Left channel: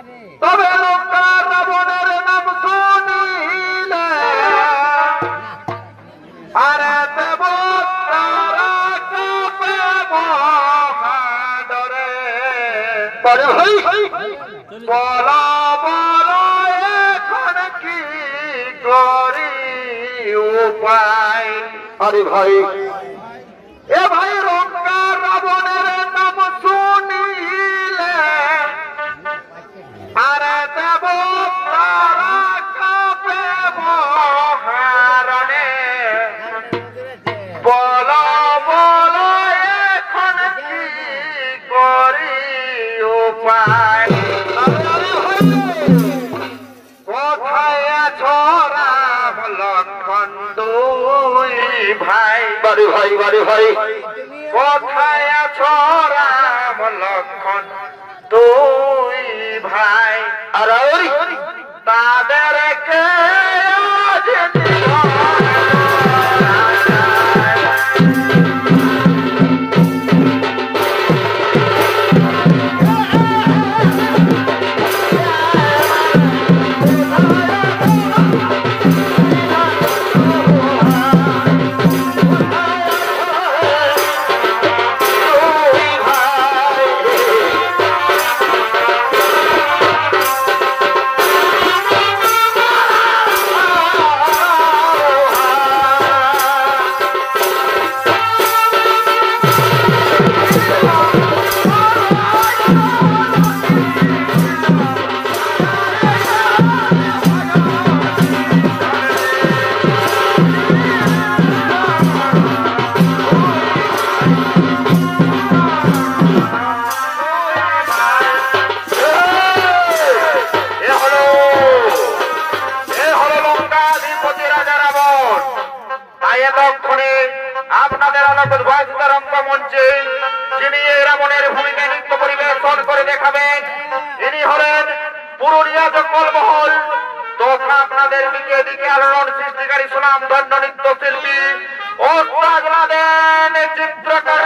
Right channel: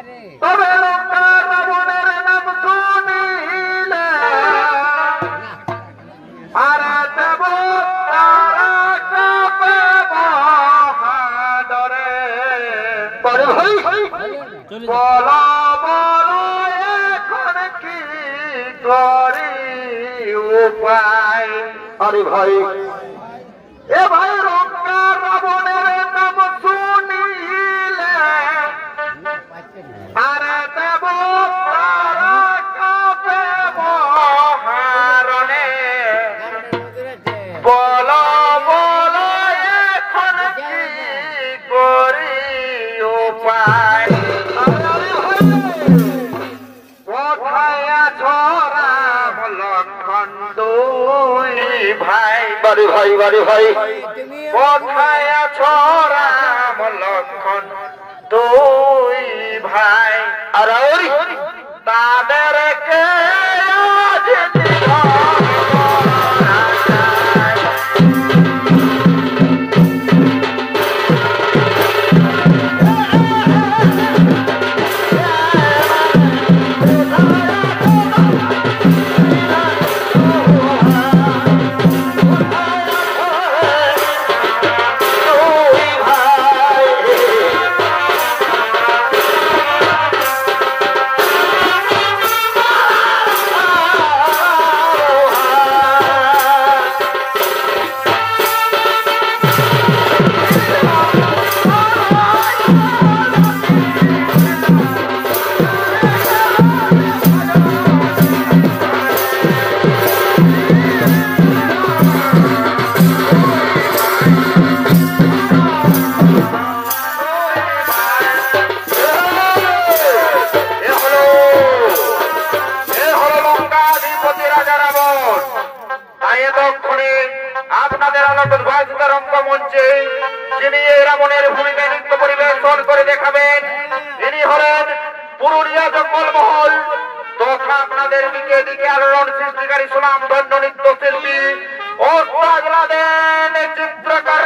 তবে লঙ্কা রাবণের নাম শুনিলে আরে দেব তারা কাঁপে মহাডরে। বলো বলো এখন কি করি উপায়। আরে ভাই এ ভাই লঙ্কা রাবণের নাম শুনিলে আরে দেব তারা কাঁপে মহারণে। বলো বলো এখন কি করি উপায়। কোথায় আছো রাম লক্ষণ দুই ভাই। বারে ভাই বারে ভাই কোথায় আছো রাম লক্ষণ দুই ভাই। আর তাদেরকে আপনাদের আলোকিত ভাষিত রঙ্গমঞ্চে যিনি এই রাবণের ভূমিকা নৃত্য পরিবেশন করে দেখাবেন ইনি হলেন পুরুলিয়া জঙ্গলমহল তথা আপনাদের দিকে দিকে আলোড়ন সৃষ্টিকারী সুনাম ধন্য নৃত্য শিল্পী ওস্তাদ লাদেন চিত্রকর।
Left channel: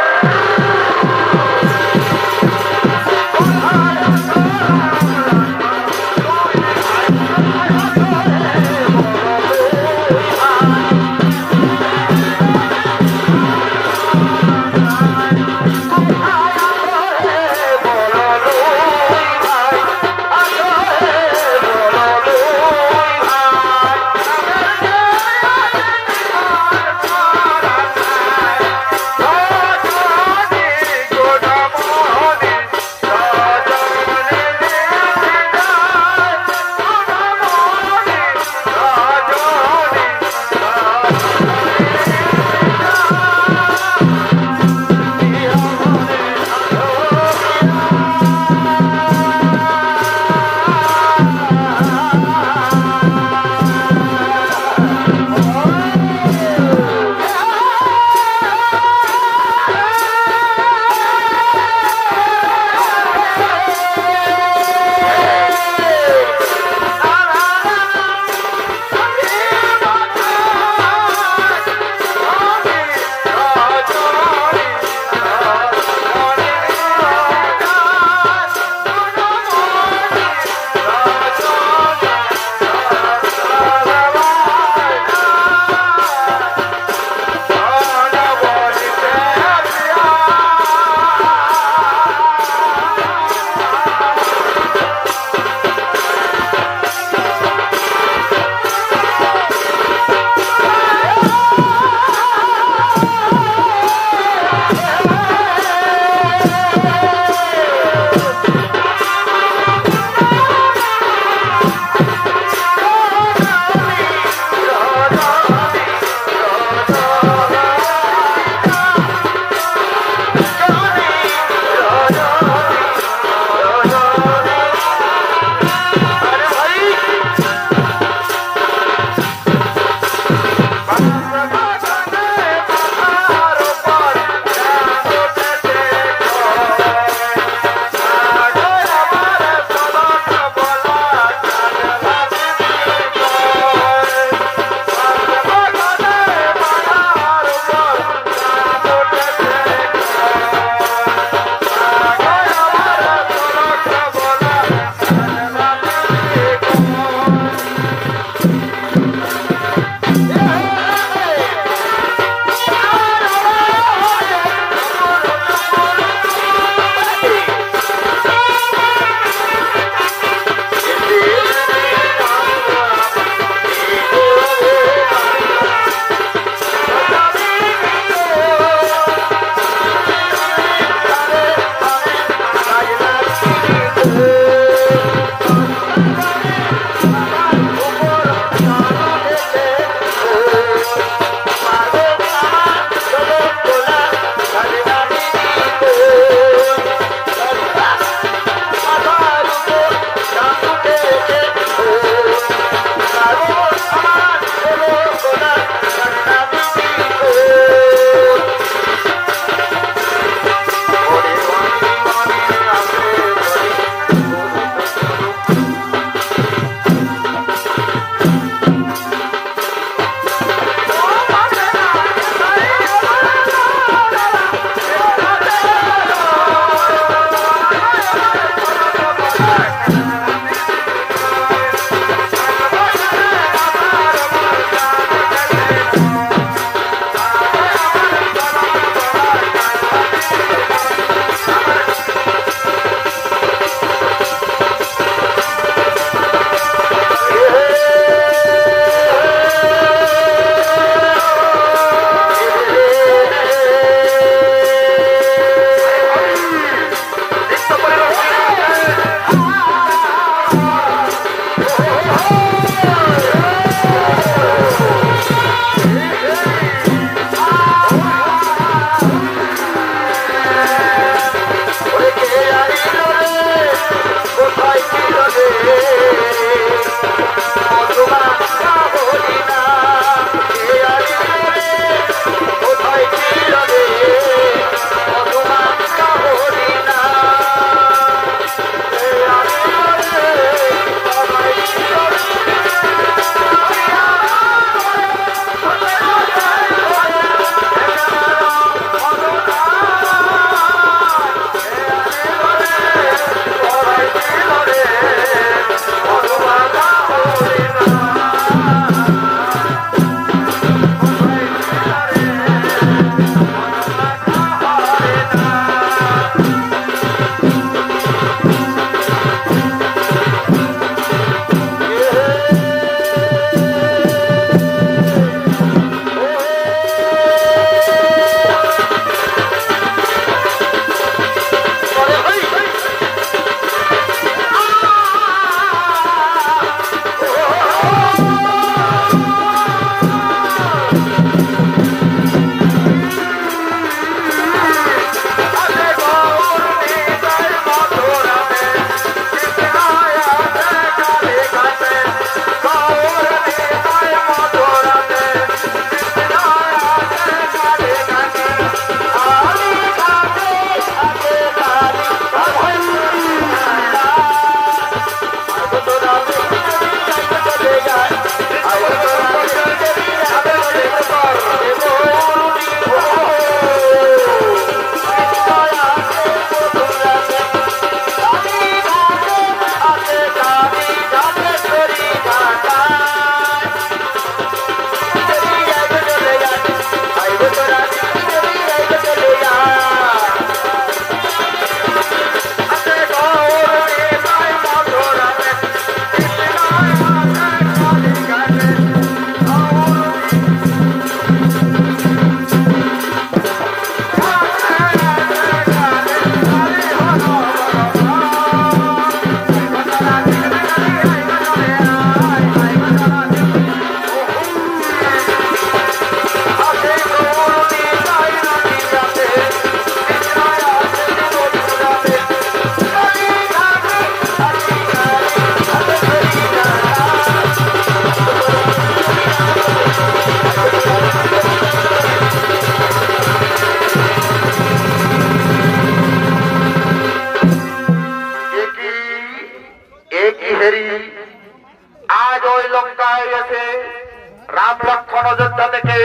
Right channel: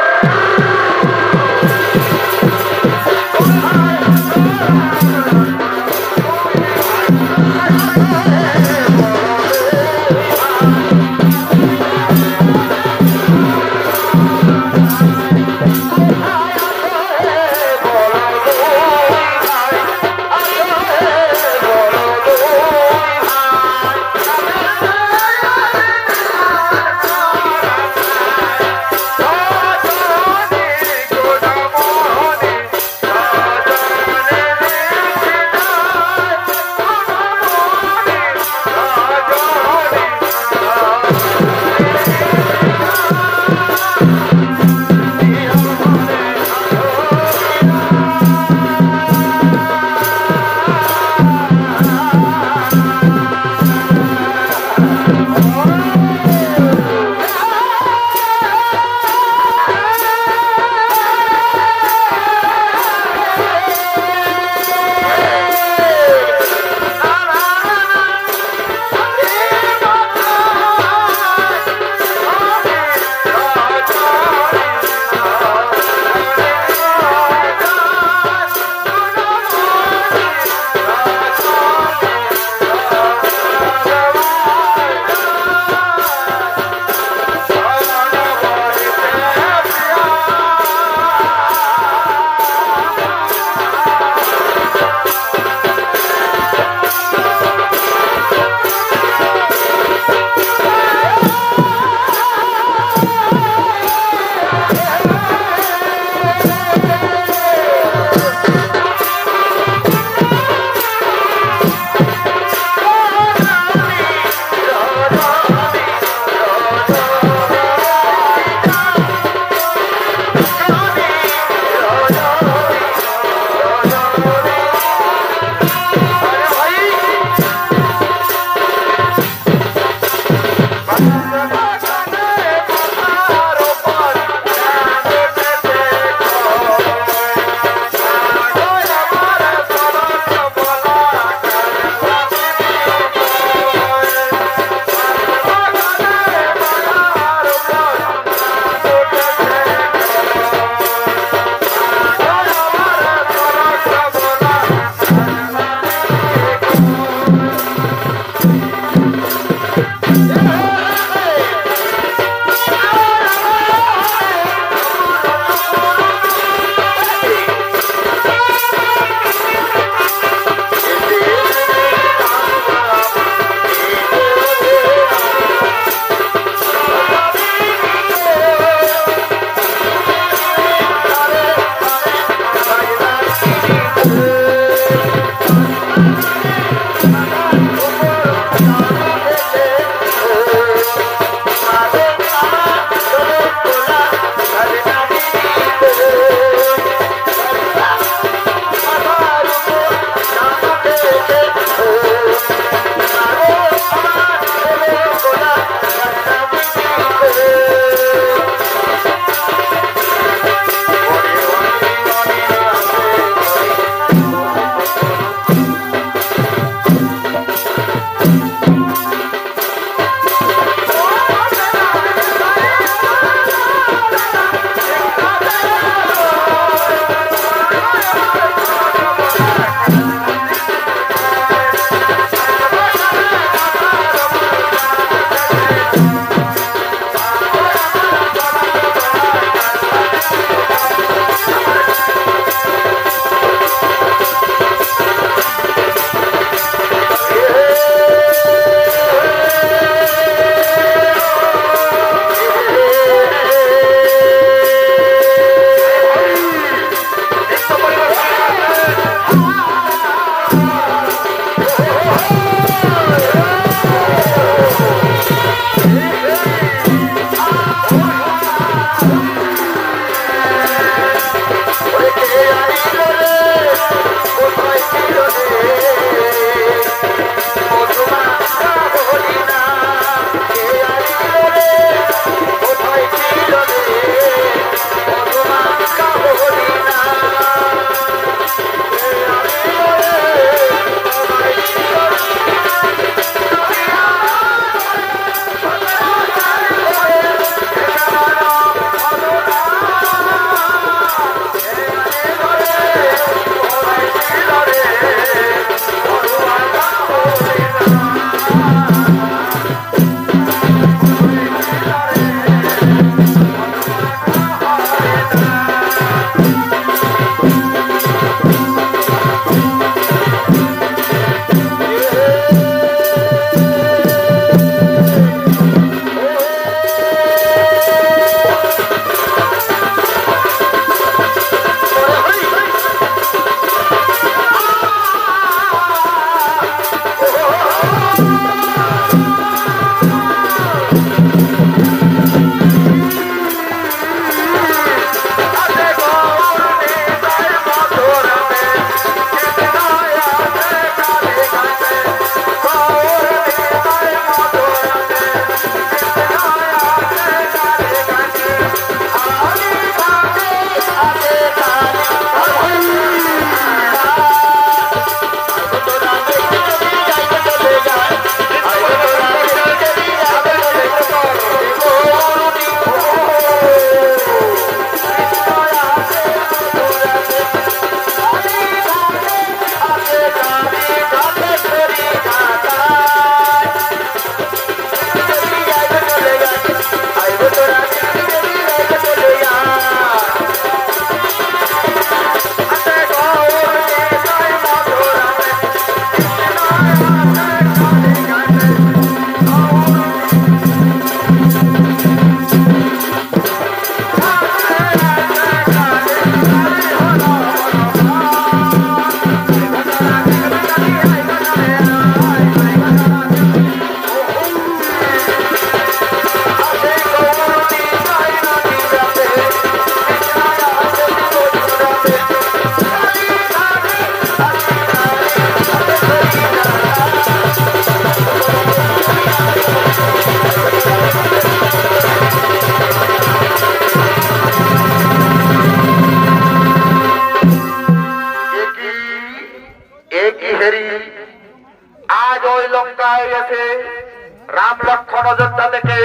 রাম লক্ষ্মণ অযোধ্যা থেকে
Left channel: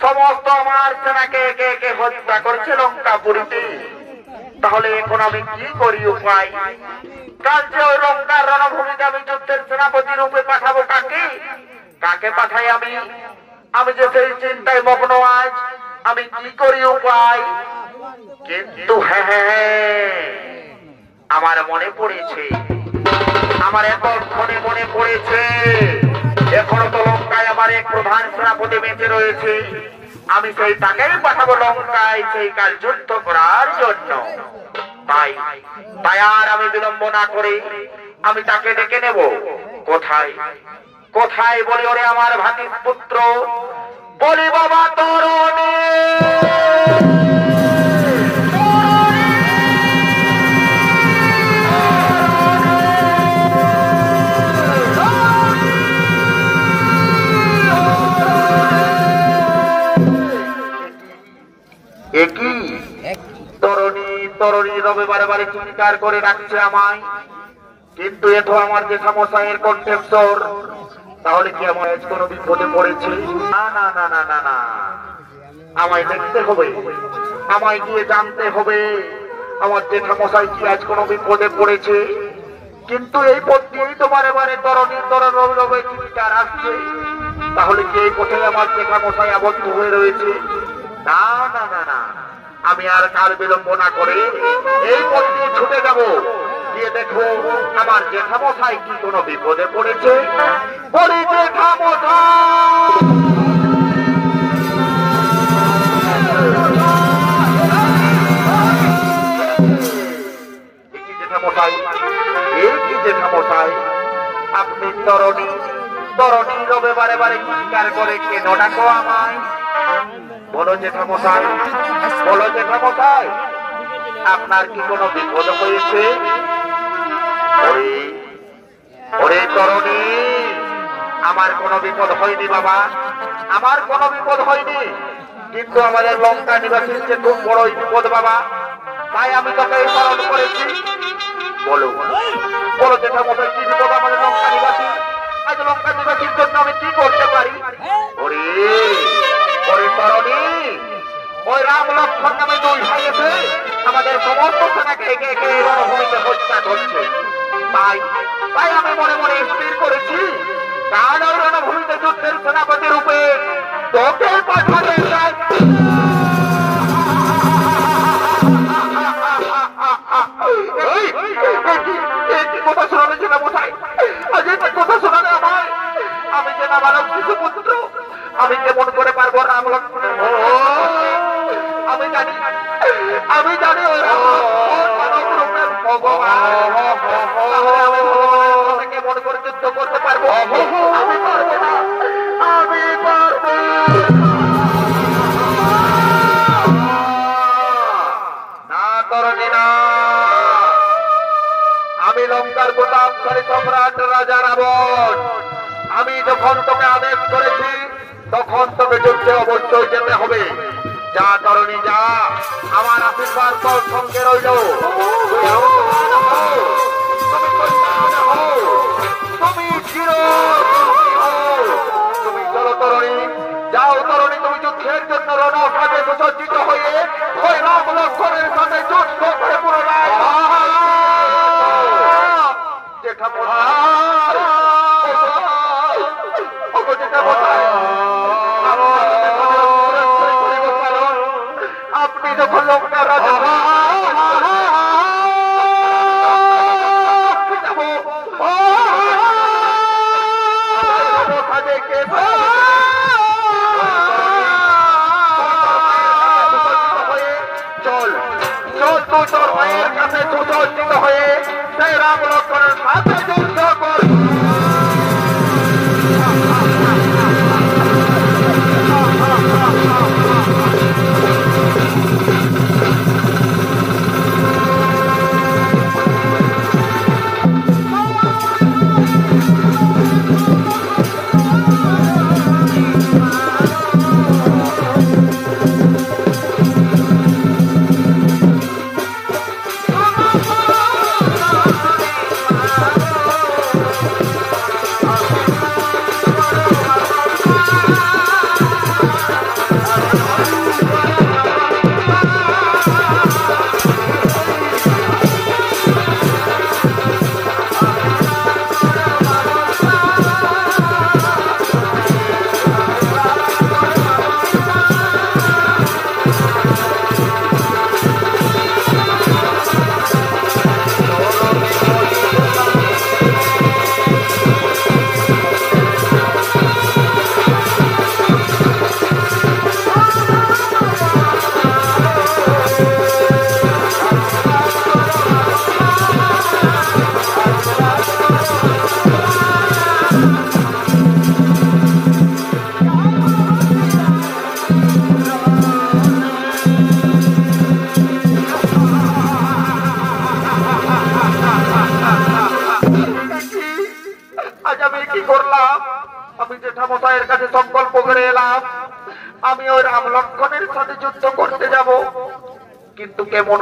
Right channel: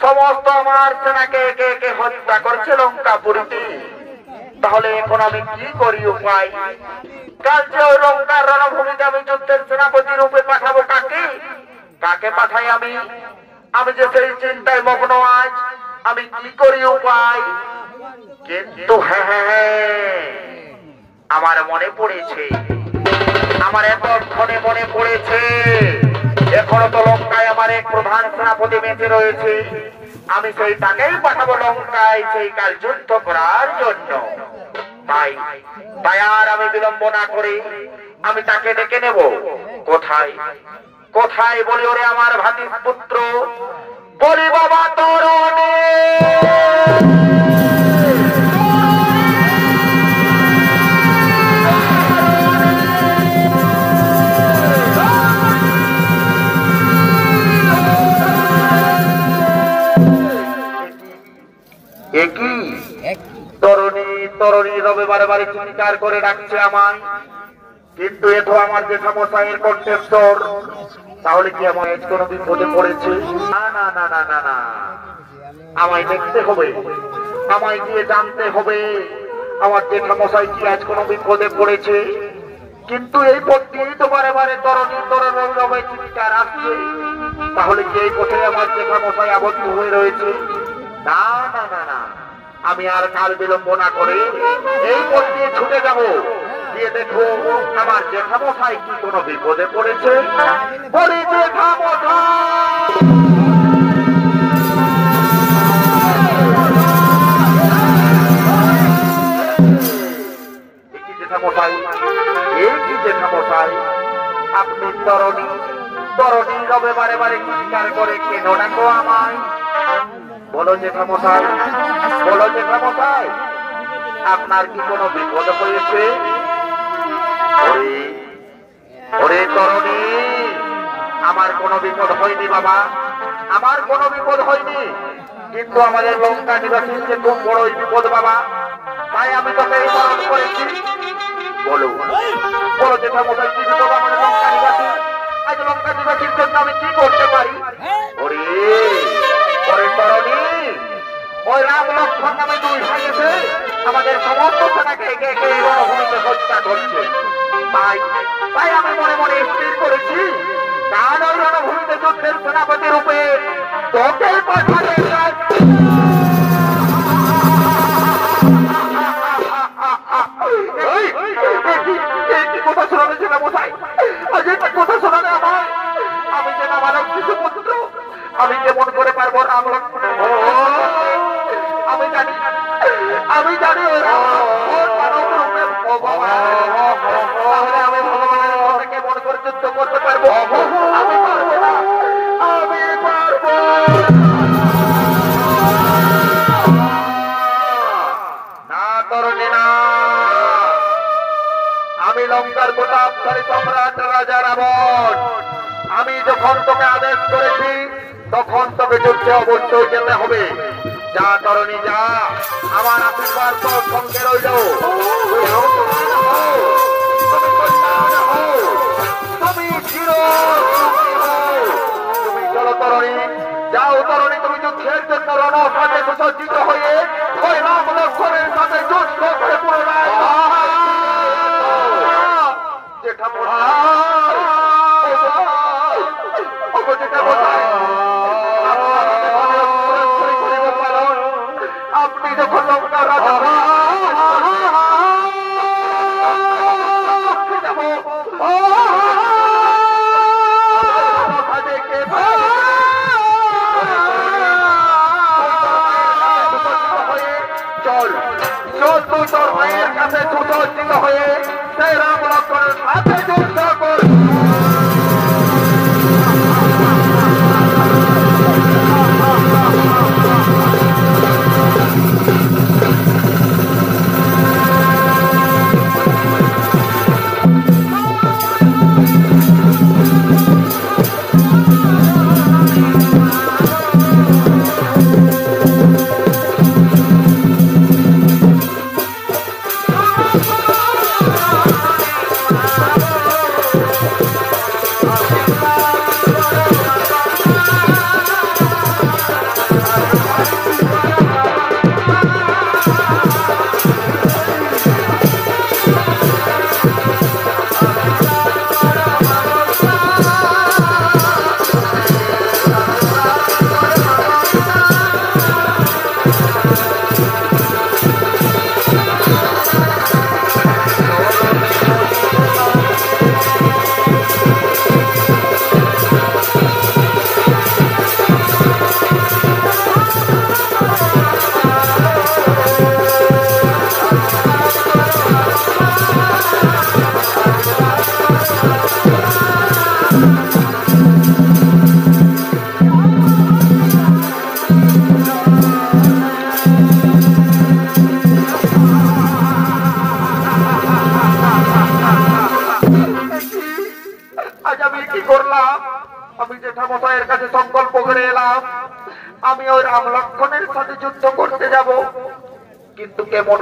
সমস্ত আমার সেনাকে একে একে হত্যা করেছে লঙ্কাপুরীতে। তাহলে এখন আমি কি করি উপায়? কাল যে ওই লঙ্কার রণভূমিতে আমি যুদ্ধের সেনাপতি রূপে পাঠাবো কাকে? কাকে পাঠাই আমি? আমি যে সেই চিন্তায় মগ্ন আজ, আমি কি করি উপায়? কিন্তু হ্যাঁ, আমার মনে পড়েছে, আমার এতক্ষণে মনে পড়েছে, এখনো তো লঙ্কায় আমার এক প্রধান সেনাপতি বেঁচে রয়েছে। আমি সেই তাকেই পাঠাবো লঙ্কায় সেই কাল যুদ্ধ করার জন্য। তাই তাই আর আমি বিলম্ব না করে আমি তাকে ডেকে নেব। কোথায় কোথায় বলি ওরে আমার ভাতির পুত্র, বলি বাবা তরণে। তরুণী তরুণী রবে বারে বারে চিৎকার করে ডাকছে আমায়, কিন্তু এ তো আমার জেঠামশাইয়ের কণ্ঠস্বর। তাহলে কি আমার আজ কোনো বিপদে পড়েছে? না না না না না না, আমায় দেখতে হবে, আমায় গিয়ে জানতে হবে আমার জেঠামশাই কি আজ কোনো বিপদে পড়েছে। কিন্তু এই পথ দিয়েই তো বারে বারে তরুণী তরুণ রবে চিৎকার আসছে। তাহলে কি এই পথে আমার জেঠামশাই আবদ্ধ হয়ে রয়েছে? না না না না, আমি আর কাল বিলম্ব না করে এই পথ দিয়ে ছুটে যাব, গিয়ে দেখো আমার জেঠামশাই কি কোনো বিপদে পড়েছে। বলে জেঠামশাই, জেঠামশাই আপনি তরণী তরণী রবে বারে বারে চিৎকার করে কেন ডাকো আমায়? বলো জেঠামশাই, বলো জেঠামশাই, আপনার কি কোনো বিপদ হয়েছে? আমার কোনো বিপদ হয়নি বাবা, আমার কোনো বিপদ হয়নি, কিন্তু আমাদের লঙ্কা নিবাসীর যে খুব বড়ই বিপদ বাবা, তাই আমি তোকে এই স্মরণ করেছি। বলো বলো দেখা মশাই, কি বিপদ আমাদের লঙ্কা নিবাসী? আজ লঙ্কা নিবাসীর জন্য আমি কি করতে পারি? ওরে ওরে তরণী, ওই রাম লক্ষ্মণ নামে দুই ভাই এসে আমাদের সমস্ত সেনাকে একে একে রণভূমিতে হত্যা করছে। তাই তাই আমি মনে মনে স্থির করেছি, কাল ওই রণভূমিতে যুদ্ধের সেনাপতি রূপে তোকে পাঠাবে। কথা শোনাবে সেটা মশাই, আজ কথা শোনাবে আমায়। আমি যে বাবার শিশু পুত্র, আমি কেমন করে পারবো রাম লক্ষ্মণের? আমি জানি আমি জানি কেমন করে যুদ্ধ করতে পারবো? আমি পারবো না, আমি পারবো না তরুণী না। আমি লঙ্কার প্রতাপশালী সম্রাট রাজা রাবণ, আমি যখন তোকে আদেশ করেছি তখন তোকে যুদ্ধে অবশ্যই যেতে হবে। যা তরুণী যা, আমার আশীর্বাদ তোর সঙ্গে রইল। তুমি চলো তরুণী, যাও তরুণী, তুমি যুদ্ধের জন্য রণসাজে সুসজ্জিত হয়ে ওই রাম লক্ষ্মণের সাথে যুদ্ধ করে পুনরায় আপনি যখন লঙ্কার রাজা চল চল তো তোর মায়ের কাছে সুসজ্জিত হয়ে সেই রাম লক্ষ্মণের সাথে যুদ্ধ কর। মশাইয়ের কাছে সংকল্প করে এলাম আমি ওই রাম লক্ষ্মণের সাথে যুদ্ধ করতে যাব, কিন্তু কেমন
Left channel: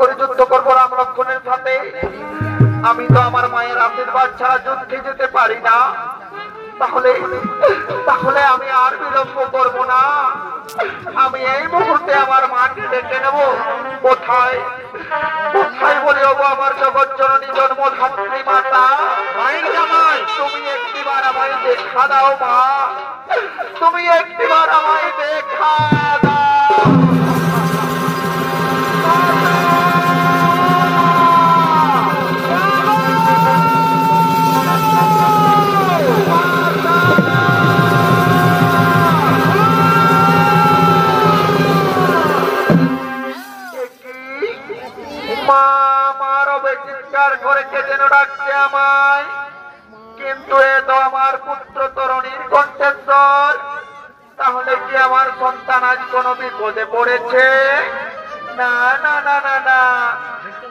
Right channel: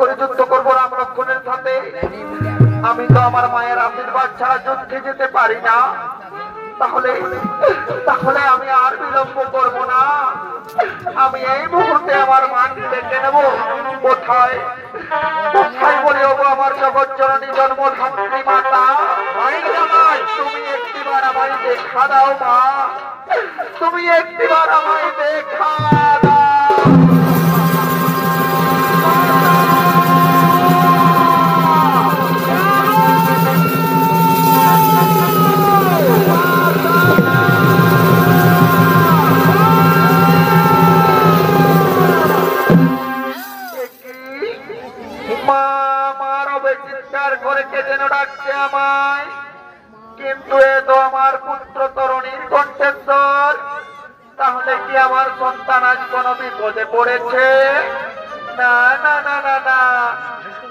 করে যুদ্ধ করবো রাম লক্ষ্মণের সাথে? আমি তো আমার মায়ের আশীর্বাদ ছাড়া যুদ্ধে যেতে পারি না। তাহলে আমি আর বিলম্ব করবো না, আমি এই মুহূর্তে আমার মাকে ডেকে নেবো। কোথায় বলি হবো আমার জগৎ জননী জন্মধাত্রী মাতা, তুমি একটিবার আমায় দেখা দাও মা, তুমি একটিবার আমায় দেখা দাও। চিৎকার করে কে যেন ডাকছে আমায়, কিন্তু এ তো আমার পুত্র তরুণীর কণ্ঠস্বর। তাহলে কি আমার সন্তান আজ কোন বিপদে পড়েছে? না না না না না,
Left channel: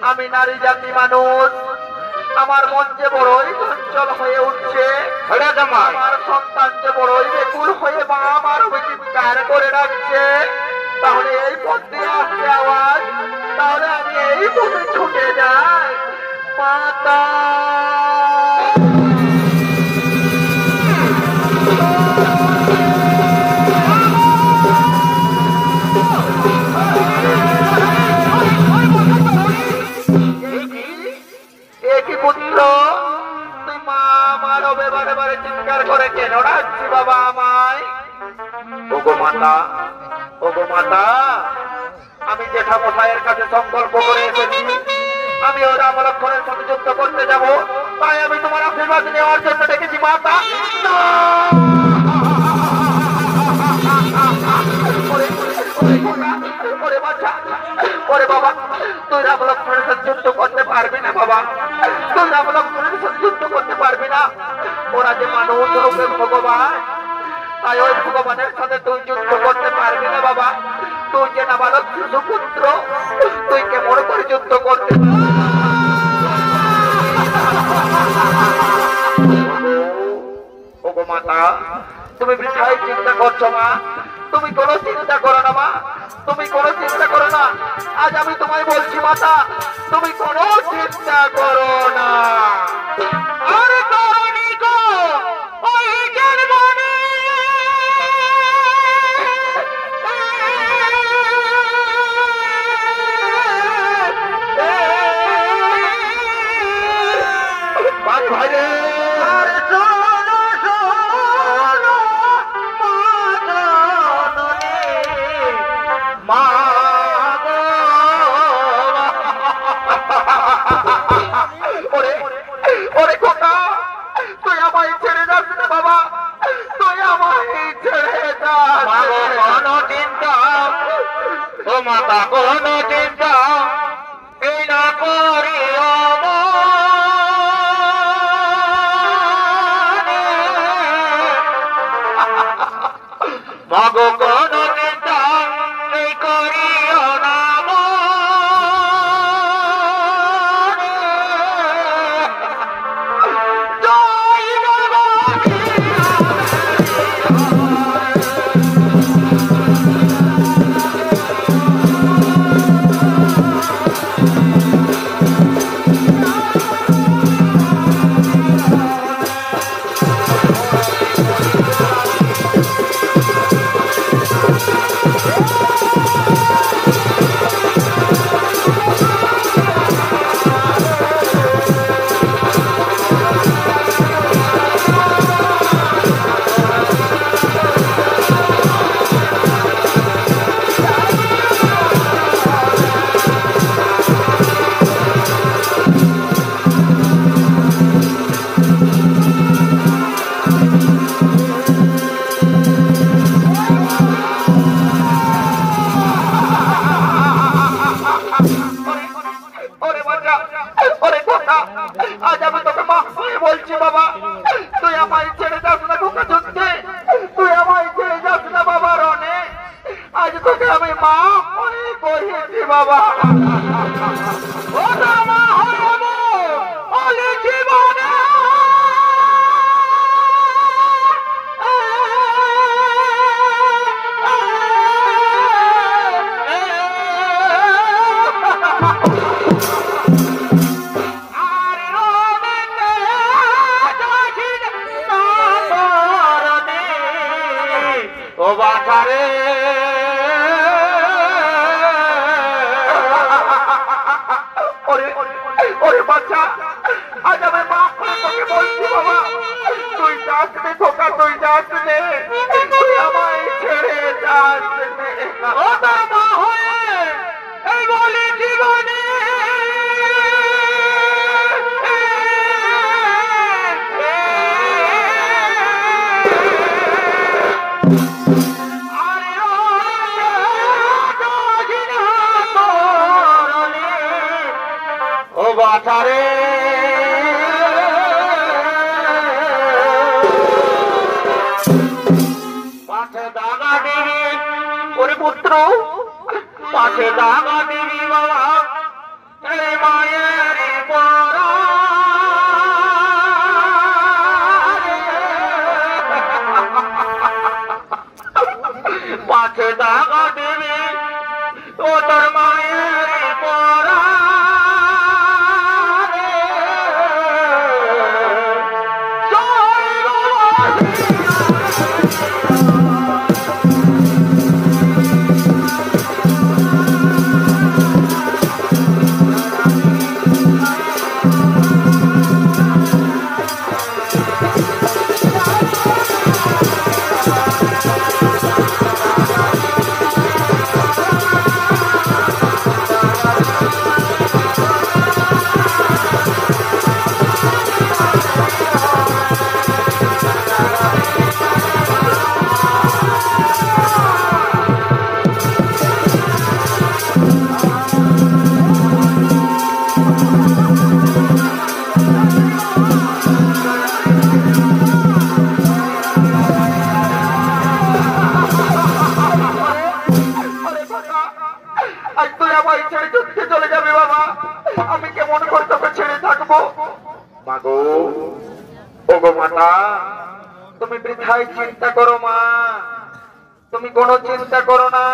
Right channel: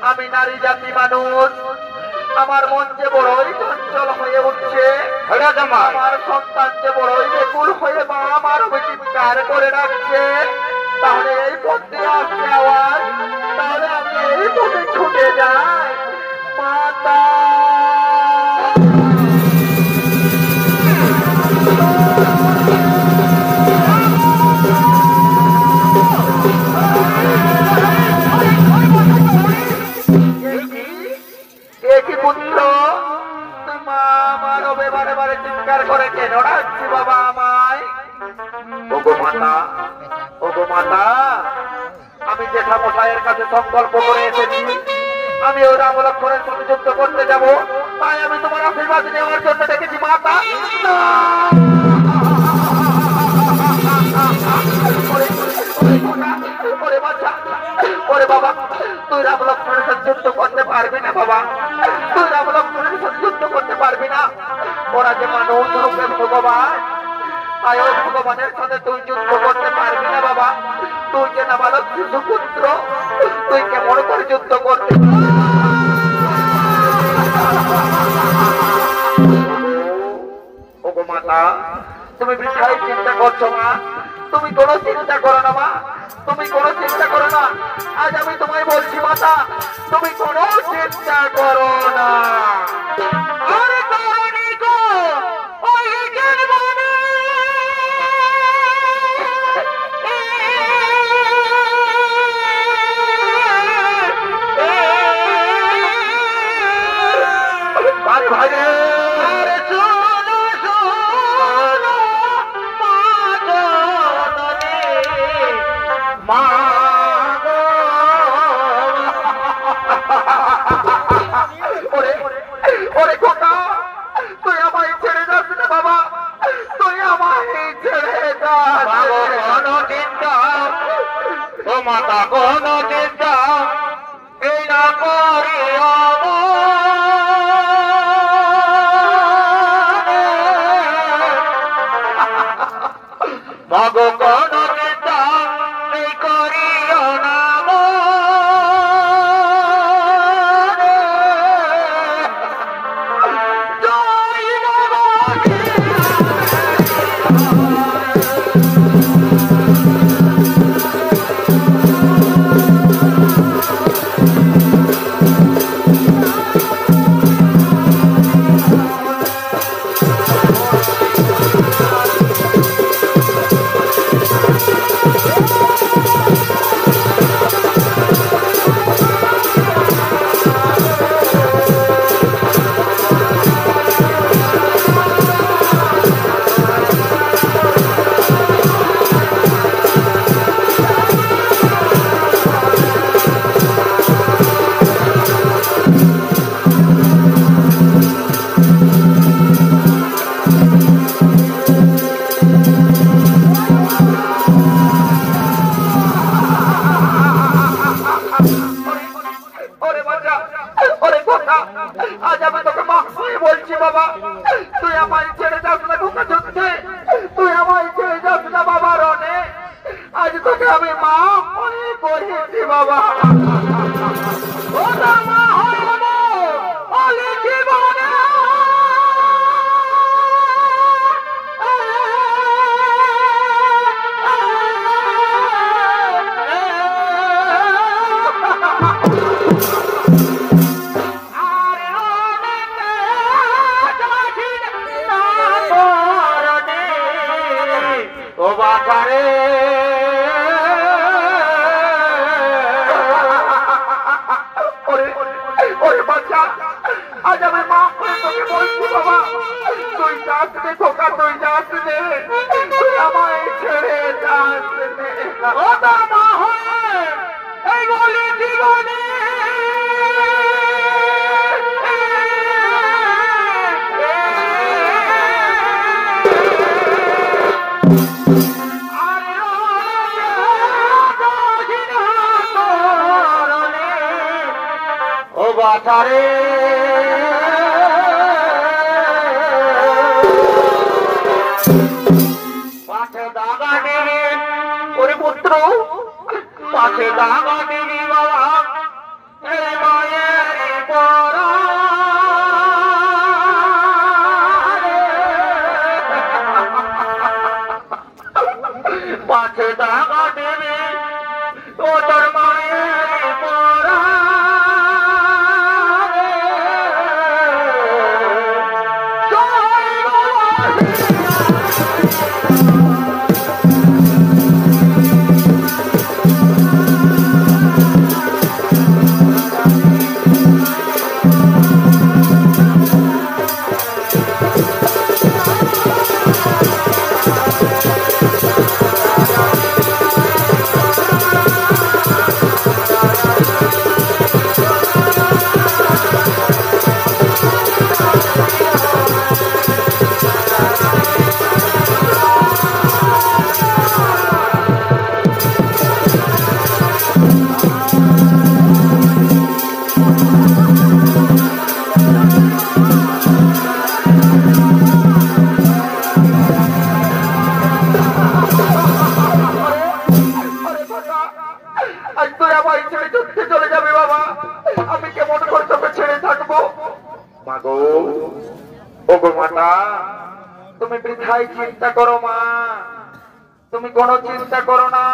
আমি নারী জাতি মানুষ, আমার মন যে বড়ই চঞ্চল হয়ে উঠছে, আমার সন্তান যে বড়ই বেকুল হয়ে মা আমার চিৎকার করে রাখছে। তাহলে এই পথ দিয়ে আসছে আওয়াজ, তাহলে আমি এই পথে ছুটে যাই। মাতা কি পুত্র, তুই মা আমার বারে বারে চিৎকার করে কেন ডাকছি বাবা আমায়? ওগো মাতা, ওগো মাতা, আমি জেঠা মশাইয়ের কাছে সংকল্প করে এসেছি, আমি ওই রাম লক্ষ্মণের সাথে যুদ্ধ করতে যাবো। তাই আমি তোমার আশীর্বাদ নেওয়ার জন্য ডেকেছি মাতা। ওরে বাবা, তুই রাম লক্ষ্মণের সাথে যুদ্ধ করতে পারবি না বাবা, তুই রাম লক্ষ্মণের সাথে যুদ্ধ করতে পারবি না। ওরা যে মানুষ রূপের ভগবান, তাই ওই ভগবানের সাথে তুই যুদ্ধ করতে পারবি না বাবা। তুই যে নাবালক শিশু পুত্র, তুই কেমন করে যুদ্ধ করতে? ওগো মাতা, তুমি বৃথাই চিন্তা করছো মা, তুমি কোনো চিন্তা করো না মা, তুমি কোনো চিন্তা করো না। আজ আমি তোমায় বলছি মাতা, তুমি কোনো চিন্তা করো না। আরে করনি তো ওই জানবানে ভাই ভাই রে, আরে শোনো শোনো মা ওরে কথা, তুই আমায় ছেড়ে যাস না বাবা, তুই আমায় ছেড়ে যাস। কোনো চিন্তা তো মাতা, কোনো চিন্তা এই না করি মাগো, কোনো চিন্তা এই করিও না মাছে দাগা দেবে ও তোর মায়ের পরা মাগো ওগো মাতা তুমি বৃথাই চিন্তা করো মা তুমি কোনো চিন্তা করো না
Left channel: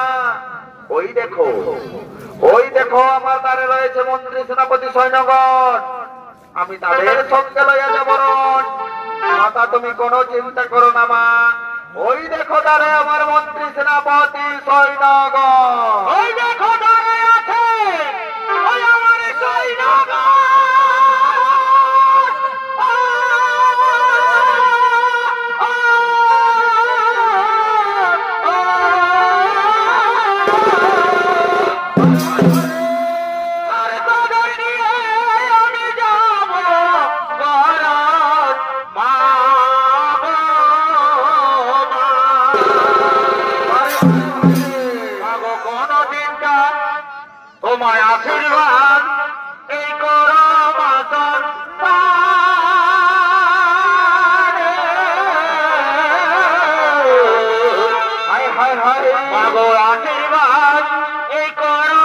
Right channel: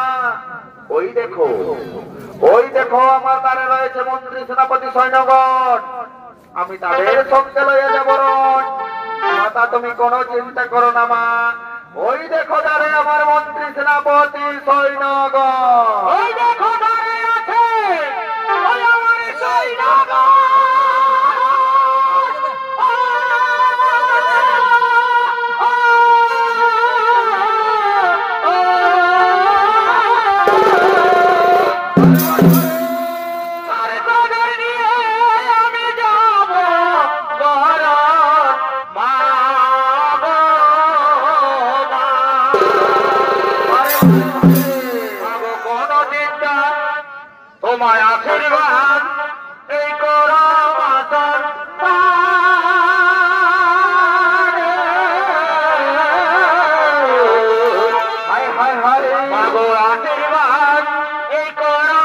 ওই দেখো আমার দ্বারে রয়েছে মন্ত্রী সেনাপতি সৈন্যগণ আমি তাদের সঙ্গে লইয়া যাব মাতা তুমি কোনো চিন্তা করো না মা ওই দেখো দ্বারে আমার মন্ত্রী সেনাপতি সৈন্যগণ ওই দেখো দ্বারে আছে ওই আমার সৈন্যগণ তোমায় আশীর্বাদ এই করো হায় হায় হায় মাগো আশীর্বাদ এই করো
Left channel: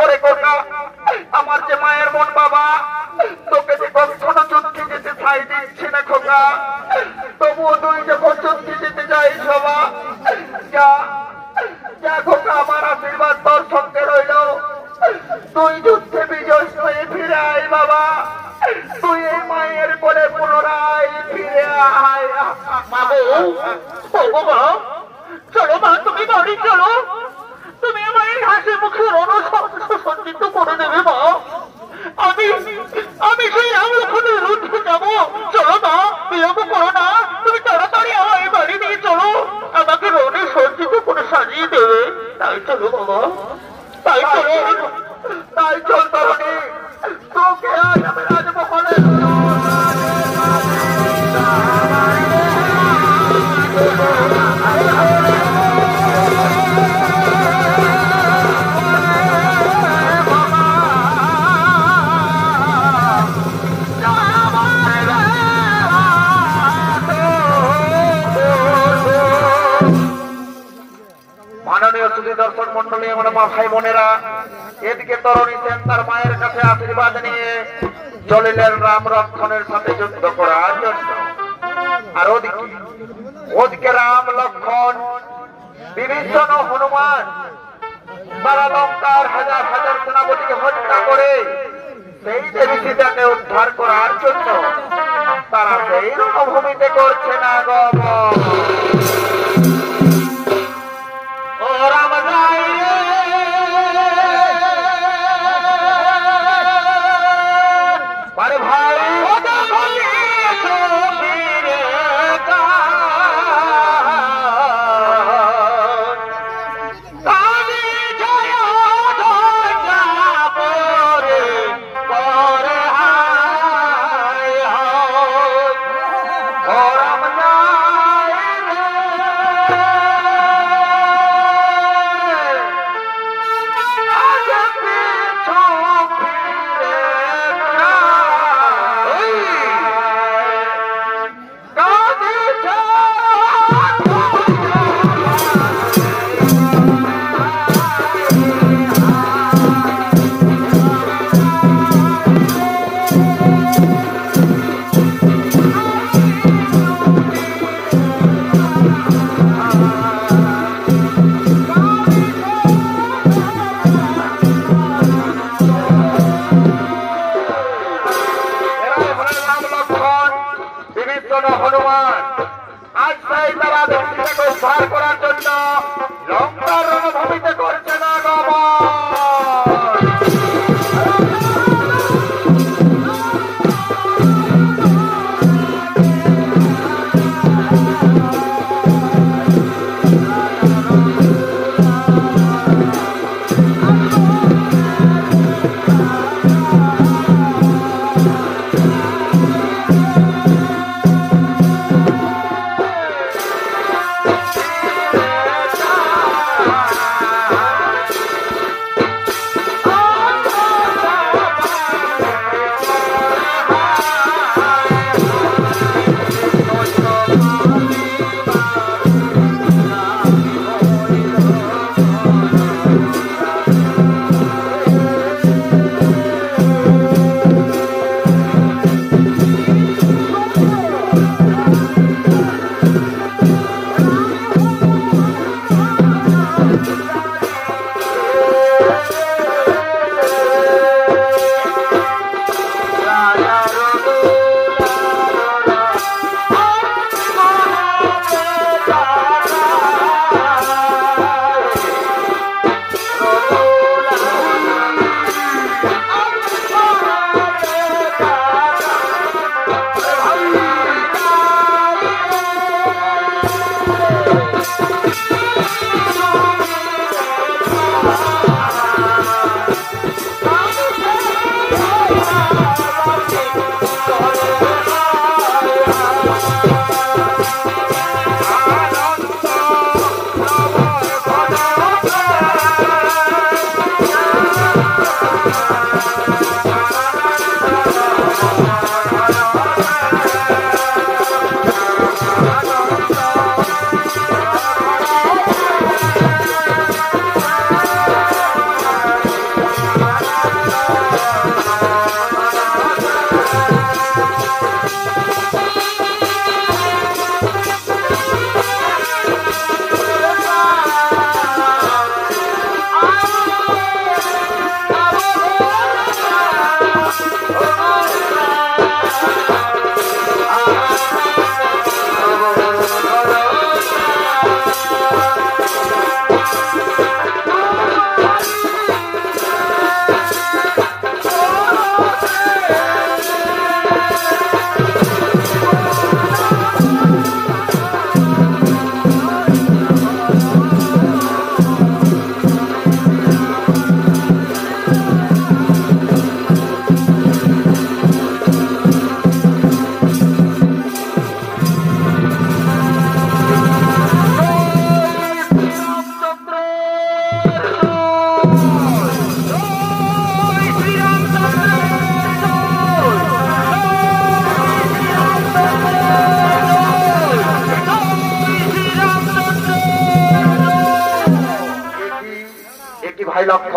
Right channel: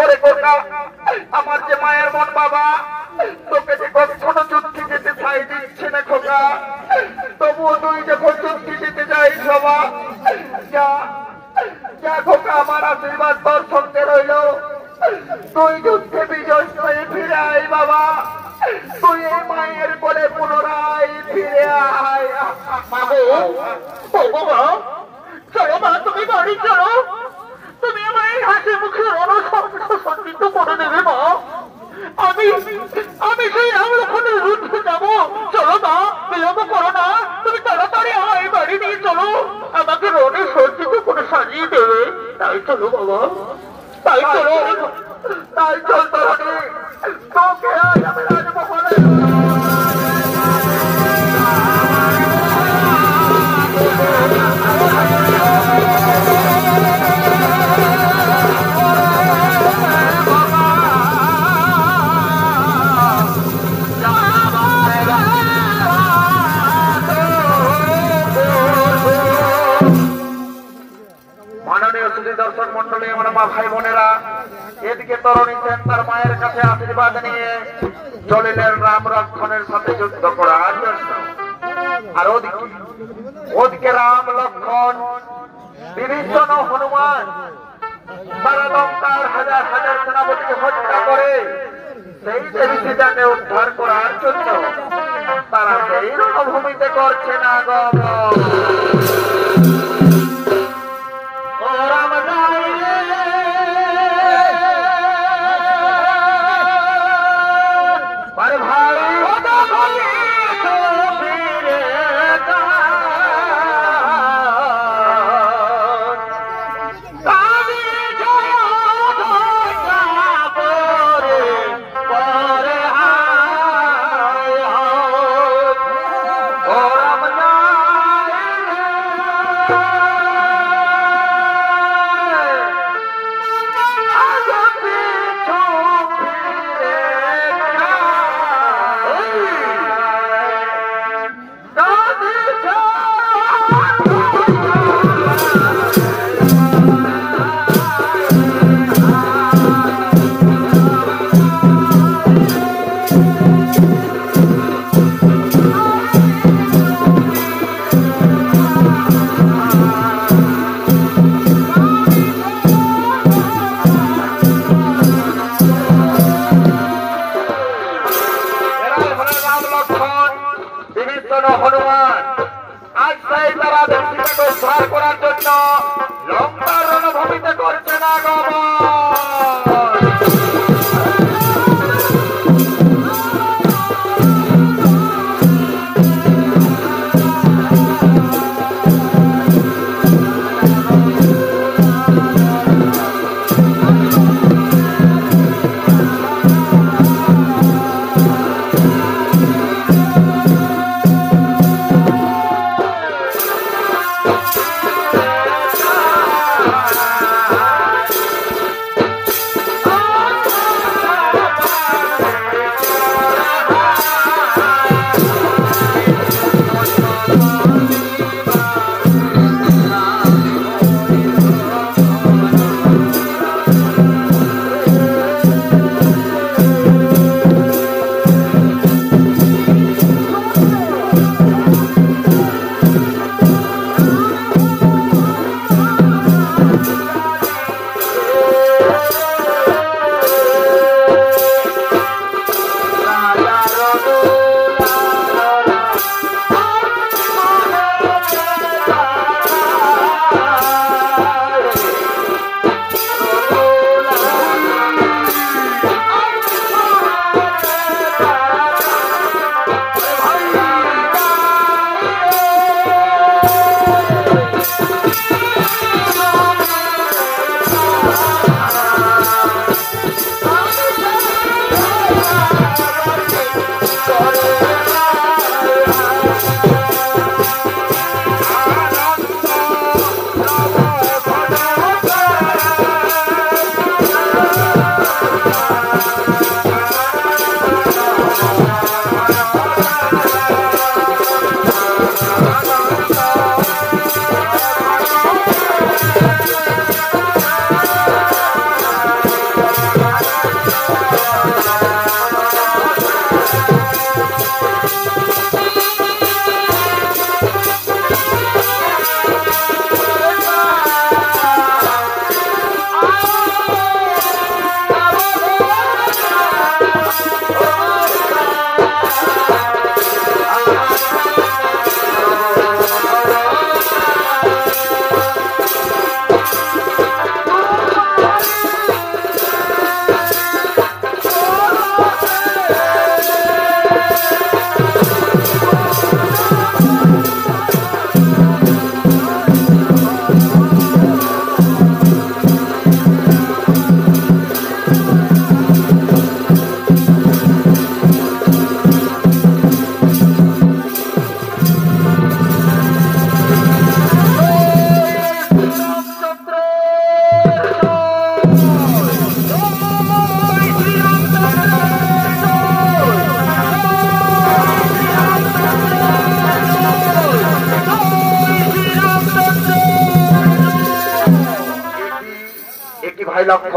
ওরে কোকা, আমার যে মায়ের মন বাবা, তোকে যে কখনো যুদ্ধে যেতে ছাই দিচ্ছে না খোকা, তবুও তুই যখন যুদ্ধে যেতে যাইস বাবা, যা যা খোকা, আমার আশীর্বাদ তোর সঙ্গে রইল। তুই যুদ্ধে বিজয় হয়ে ফিরে আয় বাবা, তুই এই মায়ের কোলে পুনরায় ফিরে আয়। মা, চলো মা, তুমি বাড়ি চলো, তুমি মায়ের হাসি মুখে অনসন্নিত করে দেবে মা। আমি সেই রামলক্ষণের রুদ্ধে যাবো। চলো মা, বিলম্ব করো না, তুমি তাড়াতাড়ি আমায় বাড়ি নিয়ে চলো, আমাকে রণে সজ্জিত করে সাজিয়ে দেবে। তাই চলো বাবা, তাই চলো, তাই চল তরণী, তোকে আজ আমি রাজমহলে মাননীয় সুধী দর্শক মন্ডলী, আমার মা ভাই বোনেরা, এদিকে তরণী সেন তার মায়ের কাছে আশীর্বাদ নিয়ে চলিলেন রাম লক্ষণের সাথে যুদ্ধ করার জন্য। আর ওদিকে রাম লক্ষণ বিভীষণ হনুমান তারা লঙ্কার হাজার হাজার সেনাপতিকে হত্যা করে সেই দেবী সীতাকে উদ্ধার করার জন্য তারা সেই রণভূমিতে করছে না গমন। হনুমান আজ তাই তারা দেবীকে উদ্ধার করার জন্য লঙ্কার রণভূমিতে করছে না গমন।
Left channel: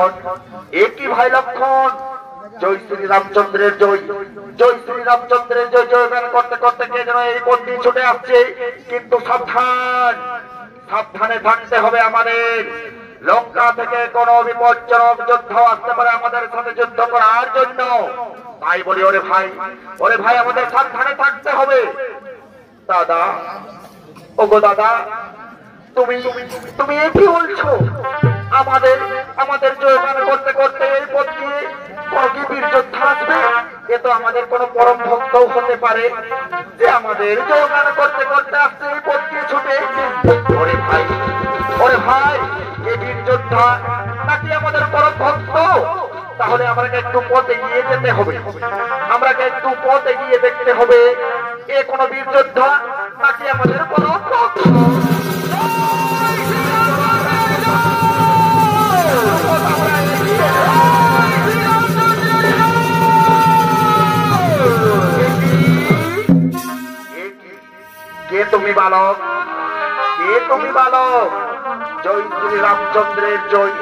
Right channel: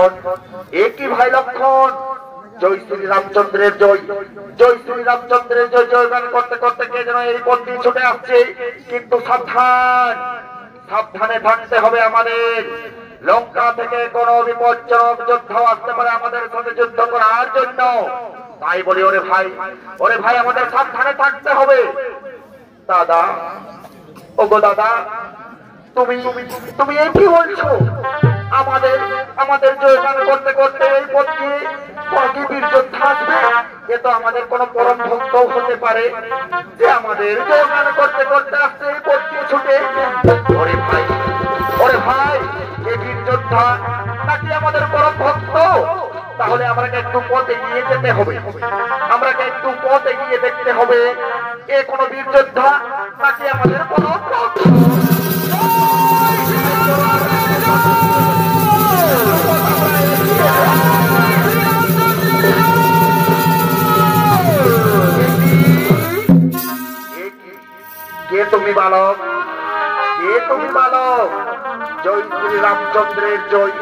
লক্ষণ, একই ভাই লক্ষণ। জয় শ্রী রামচন্দ্রের জয়, জয় শ্রী রামচন্দ্রের জয় জয়গান করতে করতে কে যেন এই পথ দিয়ে ছুটে আসছে। কিন্তু সাবধান, সাবধানে থাকতে হবে আমাদের। লঙ্কা থেকে কোনো বিপজ্জনক যুদ্ধ আসতে পারে আমাদের সাথে যুদ্ধ করার জন্য। তাই বলি ওরে ভাই আমাদের সাবধানে থাকতে হবে। দাদা, ওগো দাদা, তুমি তুমি এই কি বলছো? আমাদের জয়গান করতে করতে এই পথ দিয়ে কোন বীর যোদ্ধা আসবে? এ তো আমাদের কোন পরম ভক্ত হতে পারে যে আমাদের জয়গান করতে করতে আসতে এই পথ দিয়ে ছুটে। ওরে ভাই, এ বীর যোদ্ধা নাকি আমাদের পরম ভক্ত? তাহলে আমাকে একটু পথ এগিয়ে যেতে হবে, আমাকে একটু পথ এগিয়ে দেখতে হবে। এ কোন বীর যোদ্ধা নাকি আমাদের পরম ভক্ত? কে তুমি বালক? কে তুমি বালক? জয় শ্রী রামচন্দ্রের জয়,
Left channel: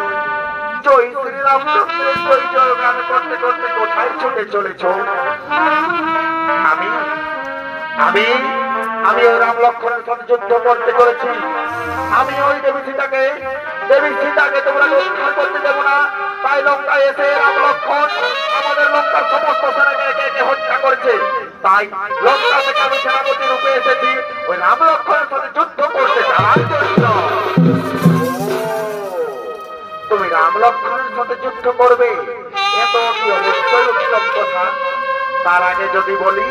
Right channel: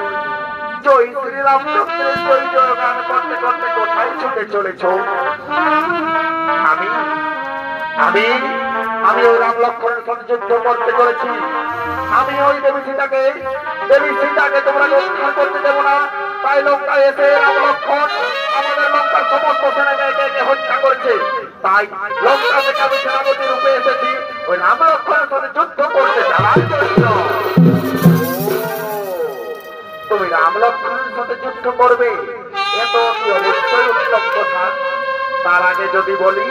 জয় শ্রী রামচন্দ্রের জয় জয়গান করতে করতে কোথায় ছুটে চলেছ? আমি ওই রাম লক্ষ্মণের সাথে যুদ্ধ করতে করেছি। আমি ওই দেবী সীতাকে তোমরা উদ্ধার করতে দেবো না। তাই লঙ্কায় এসে রাম লক্ষ্মণ আমাদের লঙ্কার সমস্ত সেনাকে একে একে হত্যা করেছে। তাই লঙ্কা থেকে আমি সেনাপতি রূপে এসেছি ওই রাম লক্ষ্মণের সাথে যুদ্ধ করতে যাওয়ার জন্য। তুমি রাম লক্ষ্মণের সাথে যুদ্ধ করবে, এ তো কি অবশ্যই উত্তম কথা। তার আগে যদি বলি,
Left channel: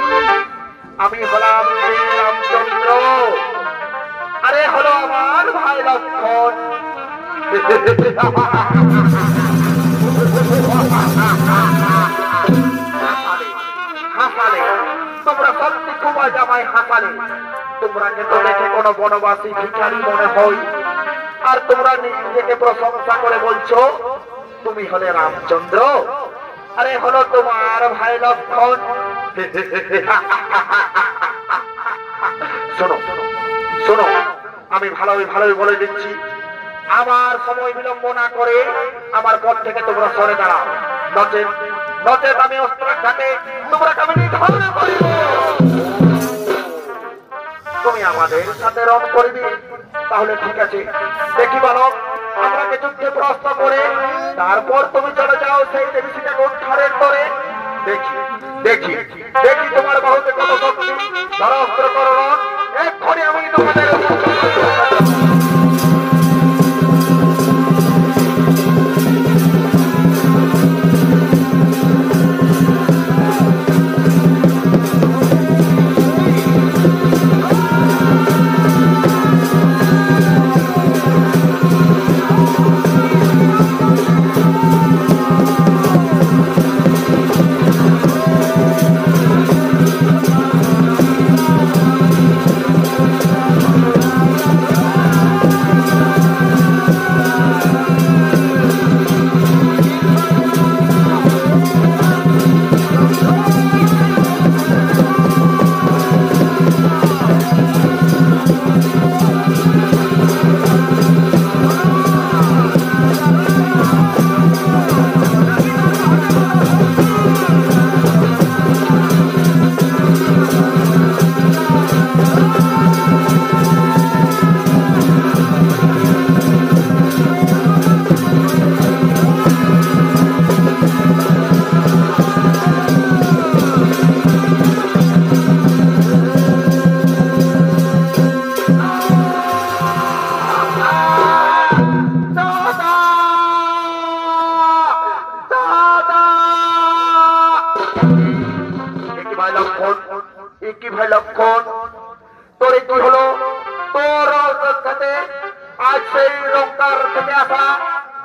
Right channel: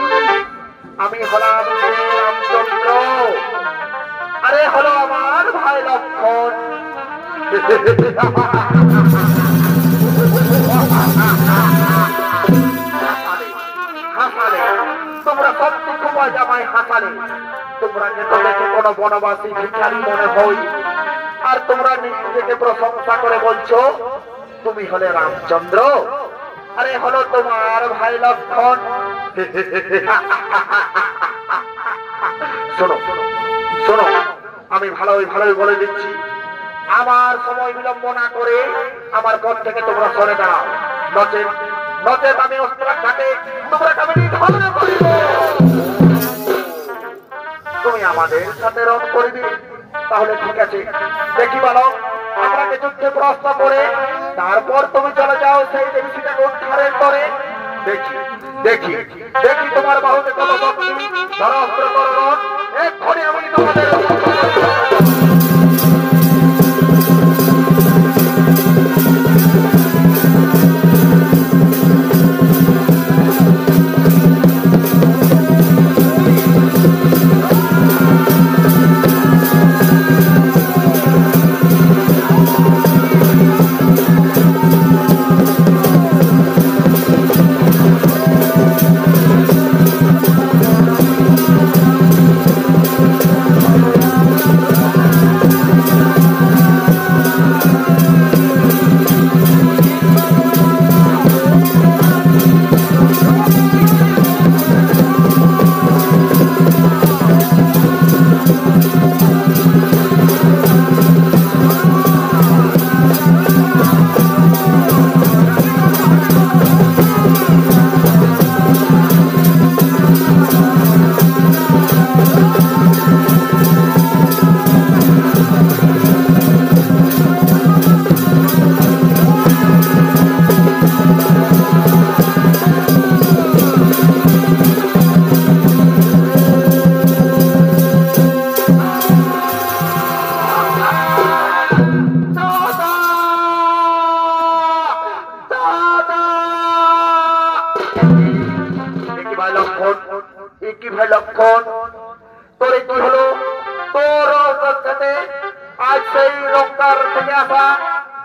আমি হলাম রামচন্দ্র, আরে হলো আমার ভাই লক্ষ্মণ। হাসালে তোমরা সত্যি খুব আমায় হাসালে। তোমরা তো দেখে কোনো বনবাসী ভিখারি মনে হই, আর তোমরা নিজেকে প্রশংসা করে বলছো তুমি হলে রামচন্দ্র, আরে হলো তোমার ভাই লক্ষ্মণ। শোনো শোনো, আমি ভালোই বলে দিচ্ছি, আমার সময় বিলম্ব না করে আমার পথ থেকে তোমরা সরে দাঁড়াও, নচেত আমি অস্ত্রাঘাতে তোমরা আমি নিধন করিব। তুমি আমাদের সাথে রং করবি, তাহলে ঠিক আছে। দেখি বালক, আমাকে যুদ্ধে প্রশ্ন করে তারপর তুমি চলে যাও সেই দেবী সীতাকে উদ্ধারের করে। দেখি তোমার বাহুতে কত শক্তি। ধরা অস্ত্র করো, এক্ষুনি আমি তোমাদের ভাই লক্ষণ, তোর কি হলো? তোর সাথে আজ সেই লঙ্কার থেকে আসা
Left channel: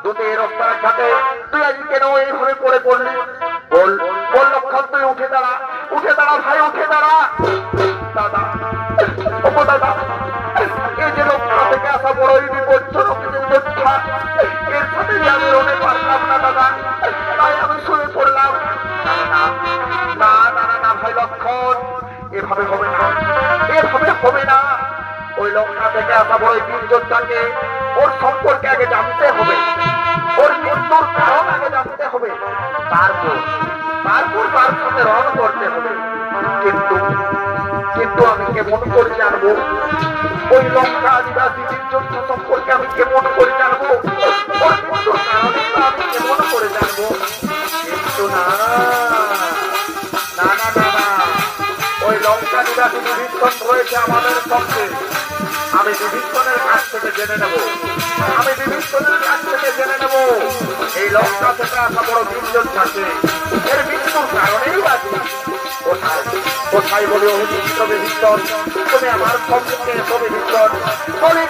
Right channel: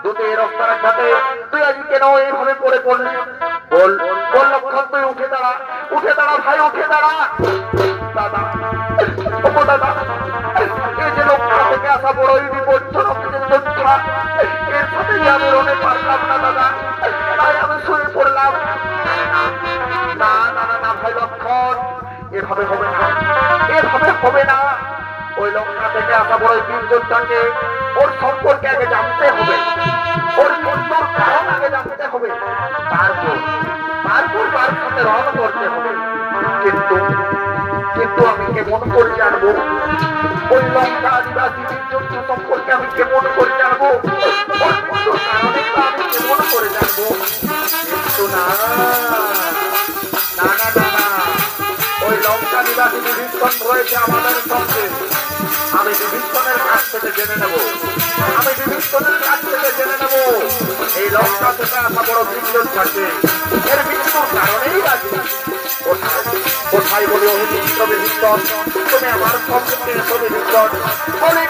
দুটি রাস্তার সাথে তুই আজ কেন এইভাবে পড়ে পড়লি? বল লক্ষণ, তুই উঠে দাঁড়া ভাই, উঠে দাঁড়া। দাদা, ও দাদা, এই যে লঙ্কা থেকে আসা বড়ই বিপজ্জনক যোদ্ধা, এর সাথে আমি লড়ে পারলাম না দাদা, তাই আমি শুয়ে পড়লাম। না ভাই লক্ষণ, এভাবে হবে না। ওই লঙ্কা থেকে আসা বড় বীর যোদ্ধাকে ওর সম্পর্কে আগে জানতে হবে। ওর মৃত্যুর কারণ আগে জানতে হবে, তারপর তার সাথে রওনা করতে হবে। কিন্তু আমি কেমন করে জানবো ওই লঙ্কা আদিবাসীদের যুদ্ধ সম্পর্কে? আমি কেমন করে জানবো ওর মৃত্যুর কারণে? আমি কেমন করে জানবো? কিন্তু না, ওই লঙ্কা নিবাসী বিভীষণ রয়েছে আমাদের সঙ্গে। আমি বিভীষণের কাছ থেকে জেনে নেব এই লঙ্কা থেকে আসা বড় বিভীষণ থাকে, এর মৃত্যুর কারণেই বাকি কোথায় বলি অভিযুক্ত বিভীষণ, তুমি আমার সম্মুখে এসো বিভীষণ, বলি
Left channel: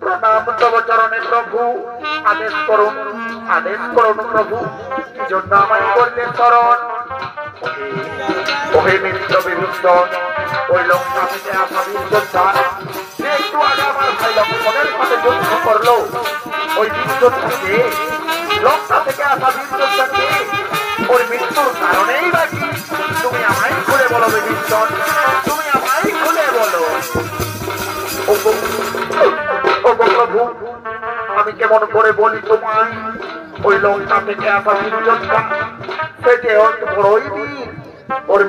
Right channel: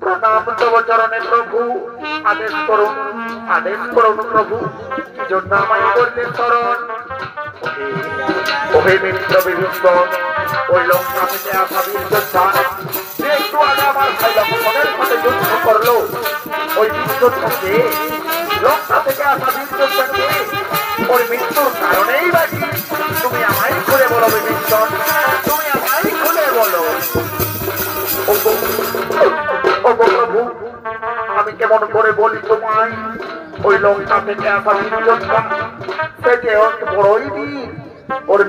প্রণাম তব চরণে প্রভু, আদেশ করুন প্রভু, কি জন্য আমায় করলেন স্মরণ? ওহে মিত্র বিভীষণ, ওই লঙ্কা থেকে আসা বীর যোদ্ধা একটু আগে আমার ভাই লক্ষ্মণের সাথে যুদ্ধ করলো, ওই বীর যোদ্ধাকে, লঙ্কা থেকে আসা বীর যোদ্ধাকে ওর মৃত্যুর কারণেই বাকি। তুমি আমায় খুলে বলো বিভীষণ, তুমি আমায় খুলে বলো। প্রভু, আমি কেমন করে বলি তোমায়, ওই লঙ্কা থেকে আসা বীর যোদ্ধা সে যে বড়ই বীর, ওর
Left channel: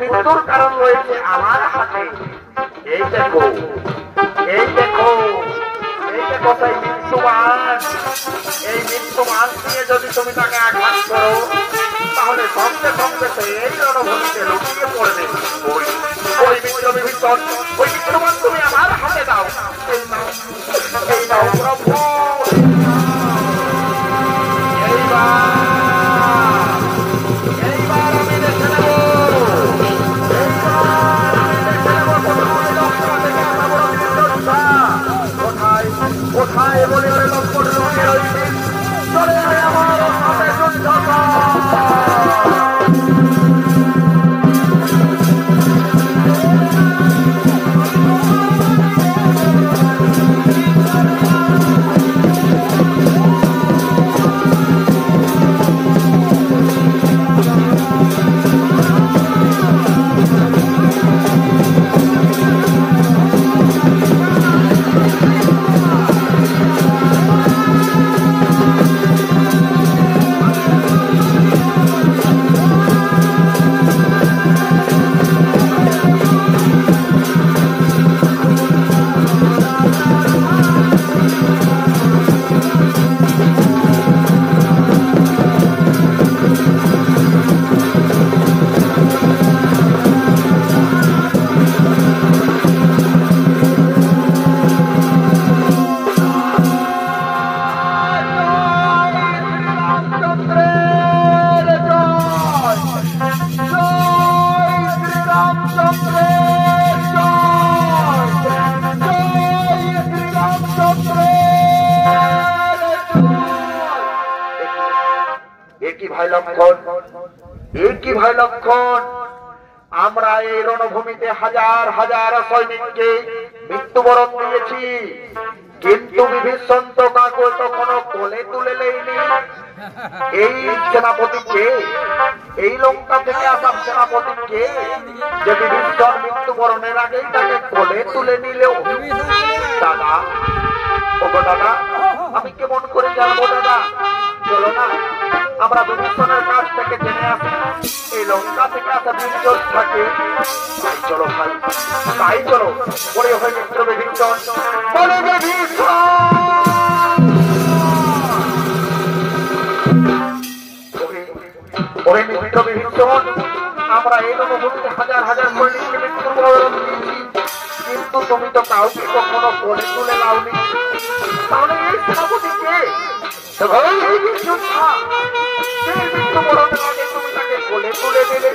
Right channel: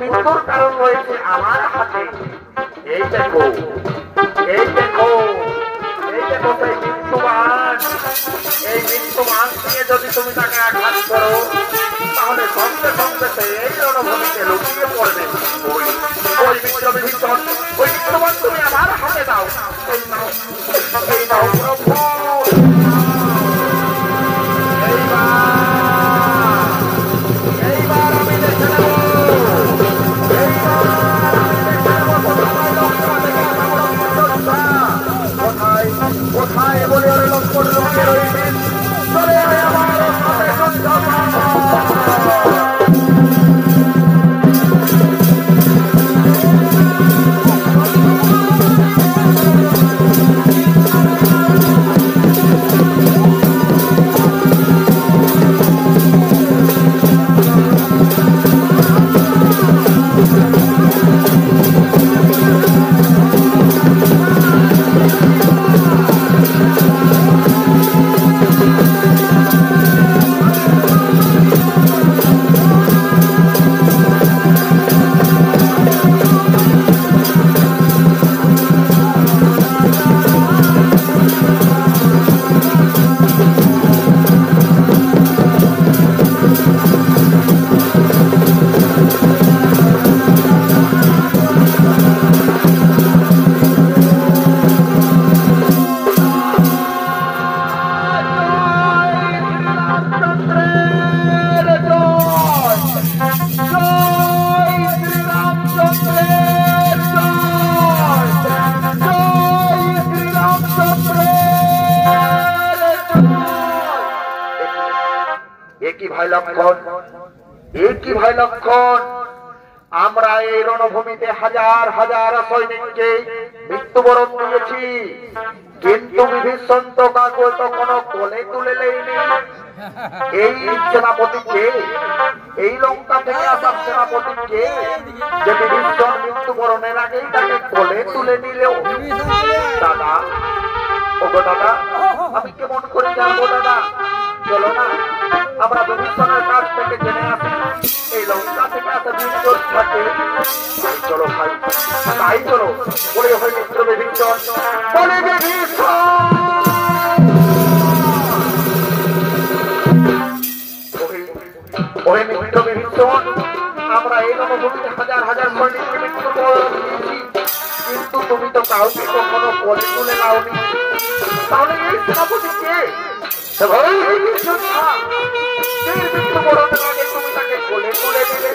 মৃত্যুর কারণ রয়েছে আমার হাতে। এই দেখো সেই মৃত্যুমান, এই মৃত্যুমান নিয়ে যদি তুমি তাকে আঘাত করো, তাহলে সঙ্গে এই রণভূমিতে লুকিয়ে পড়বে। ওই মিত্র বিভীষণ, ওই মৃত্যুমান তুমি আমার হাতে দাও। এই দাও প্রভু, কোথায় বলে লক্ষ্মণ চলে ভাই লক্ষ্মণ, আমরা এই রণভূমিতে হাজার হাজার সৈনিককে মৃত্যুবরণ দিয়েছি, কিন্তু বিভীষণ তো কাউকে কখনো কোলে তুলে নেয়নি। এই সেনাপতিকে, এই লঙ্কা থেকে আসা সেনাপতিকে যে বিভীষণ মৃত্যুবরণের আগেই তাকে কোলে তুলে নিল। দাদা, ওগো দাদা, আমি কেমন করে জানবো দাদা? চলো না আমরা বিভীষণের কাছ থেকে জেনে আসি এই লঙ্কা থেকে এত বিপদ থাকে। তাই চলো ভাই, তাই চলো। বলে হই মিত্র বিভীষণ, বলে ওহে মিত্র বিভীষণ, আমরা এই রণভূমিতে হাজার হাজার সৈনিককে মৃত্যুবরণ দিয়েছি, কিন্তু তুমি তো কাউকে কখনো কোলে তুলে নাওনি। তাহলে এই সেনাপতিকে, এই যোদ্ধা, সেই মৃত্যুবরণের আগে তুমি তাকে কোলে তুলে দিলে।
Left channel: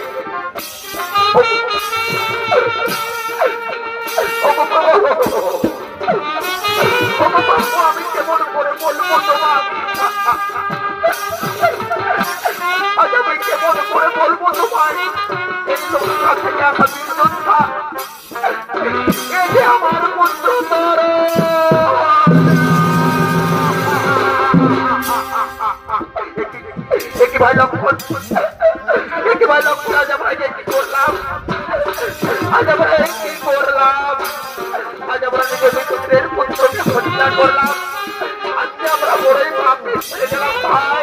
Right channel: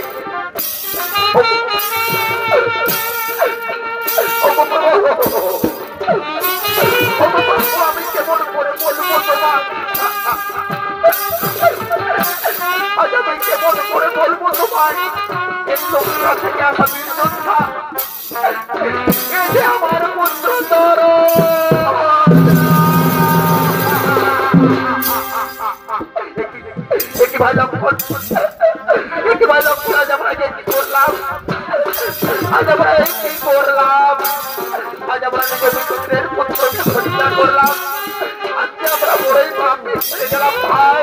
আমি কেমন করে বলবো তোমার, আজ আমি কেমন করে বলবো তোমার এই লঙ্কা থেকে আসা বীর যোদ্ধা আমার পুত্র তোর। ভাই লক্ষ্মণ, আজ আমরা কি করলাম? আজ আমরা কি করলাম? আজ আমরা নিজেদের পুত্রকে হত্যা করলাম। আজকে আমরা বড়ই পাপে ছেড়ে গেলাম ভাই।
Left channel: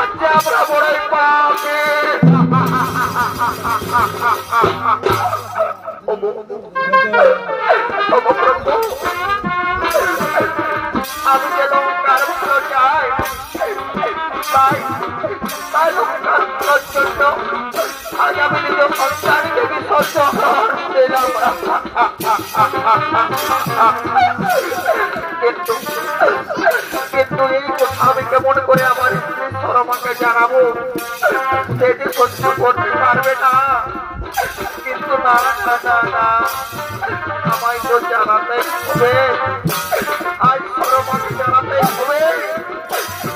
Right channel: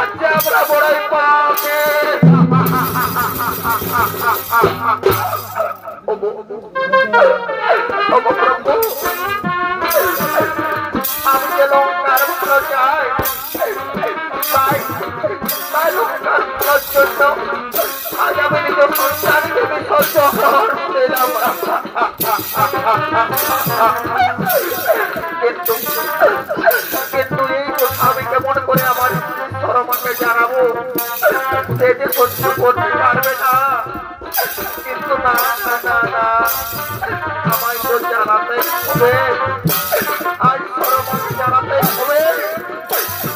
আজকে আমরা বড়ই পাপে। প্রভু, আমি যে লঙ্কার ফুল চাই, তাই লঙ্কার ফুলের জন্য আজ আমি নিজ সন্তানকে বিসর্জন দিলাম। কিন্তু এই কথা আমি কেমন করে আমার স্ত্রী সরমাকে জানাবো? সে যে সহ্য করতে পারবে না। কিন্তু না না না না, আমায় তো জানাতেই হবে। আজ সরমাকে জানাতেই হবে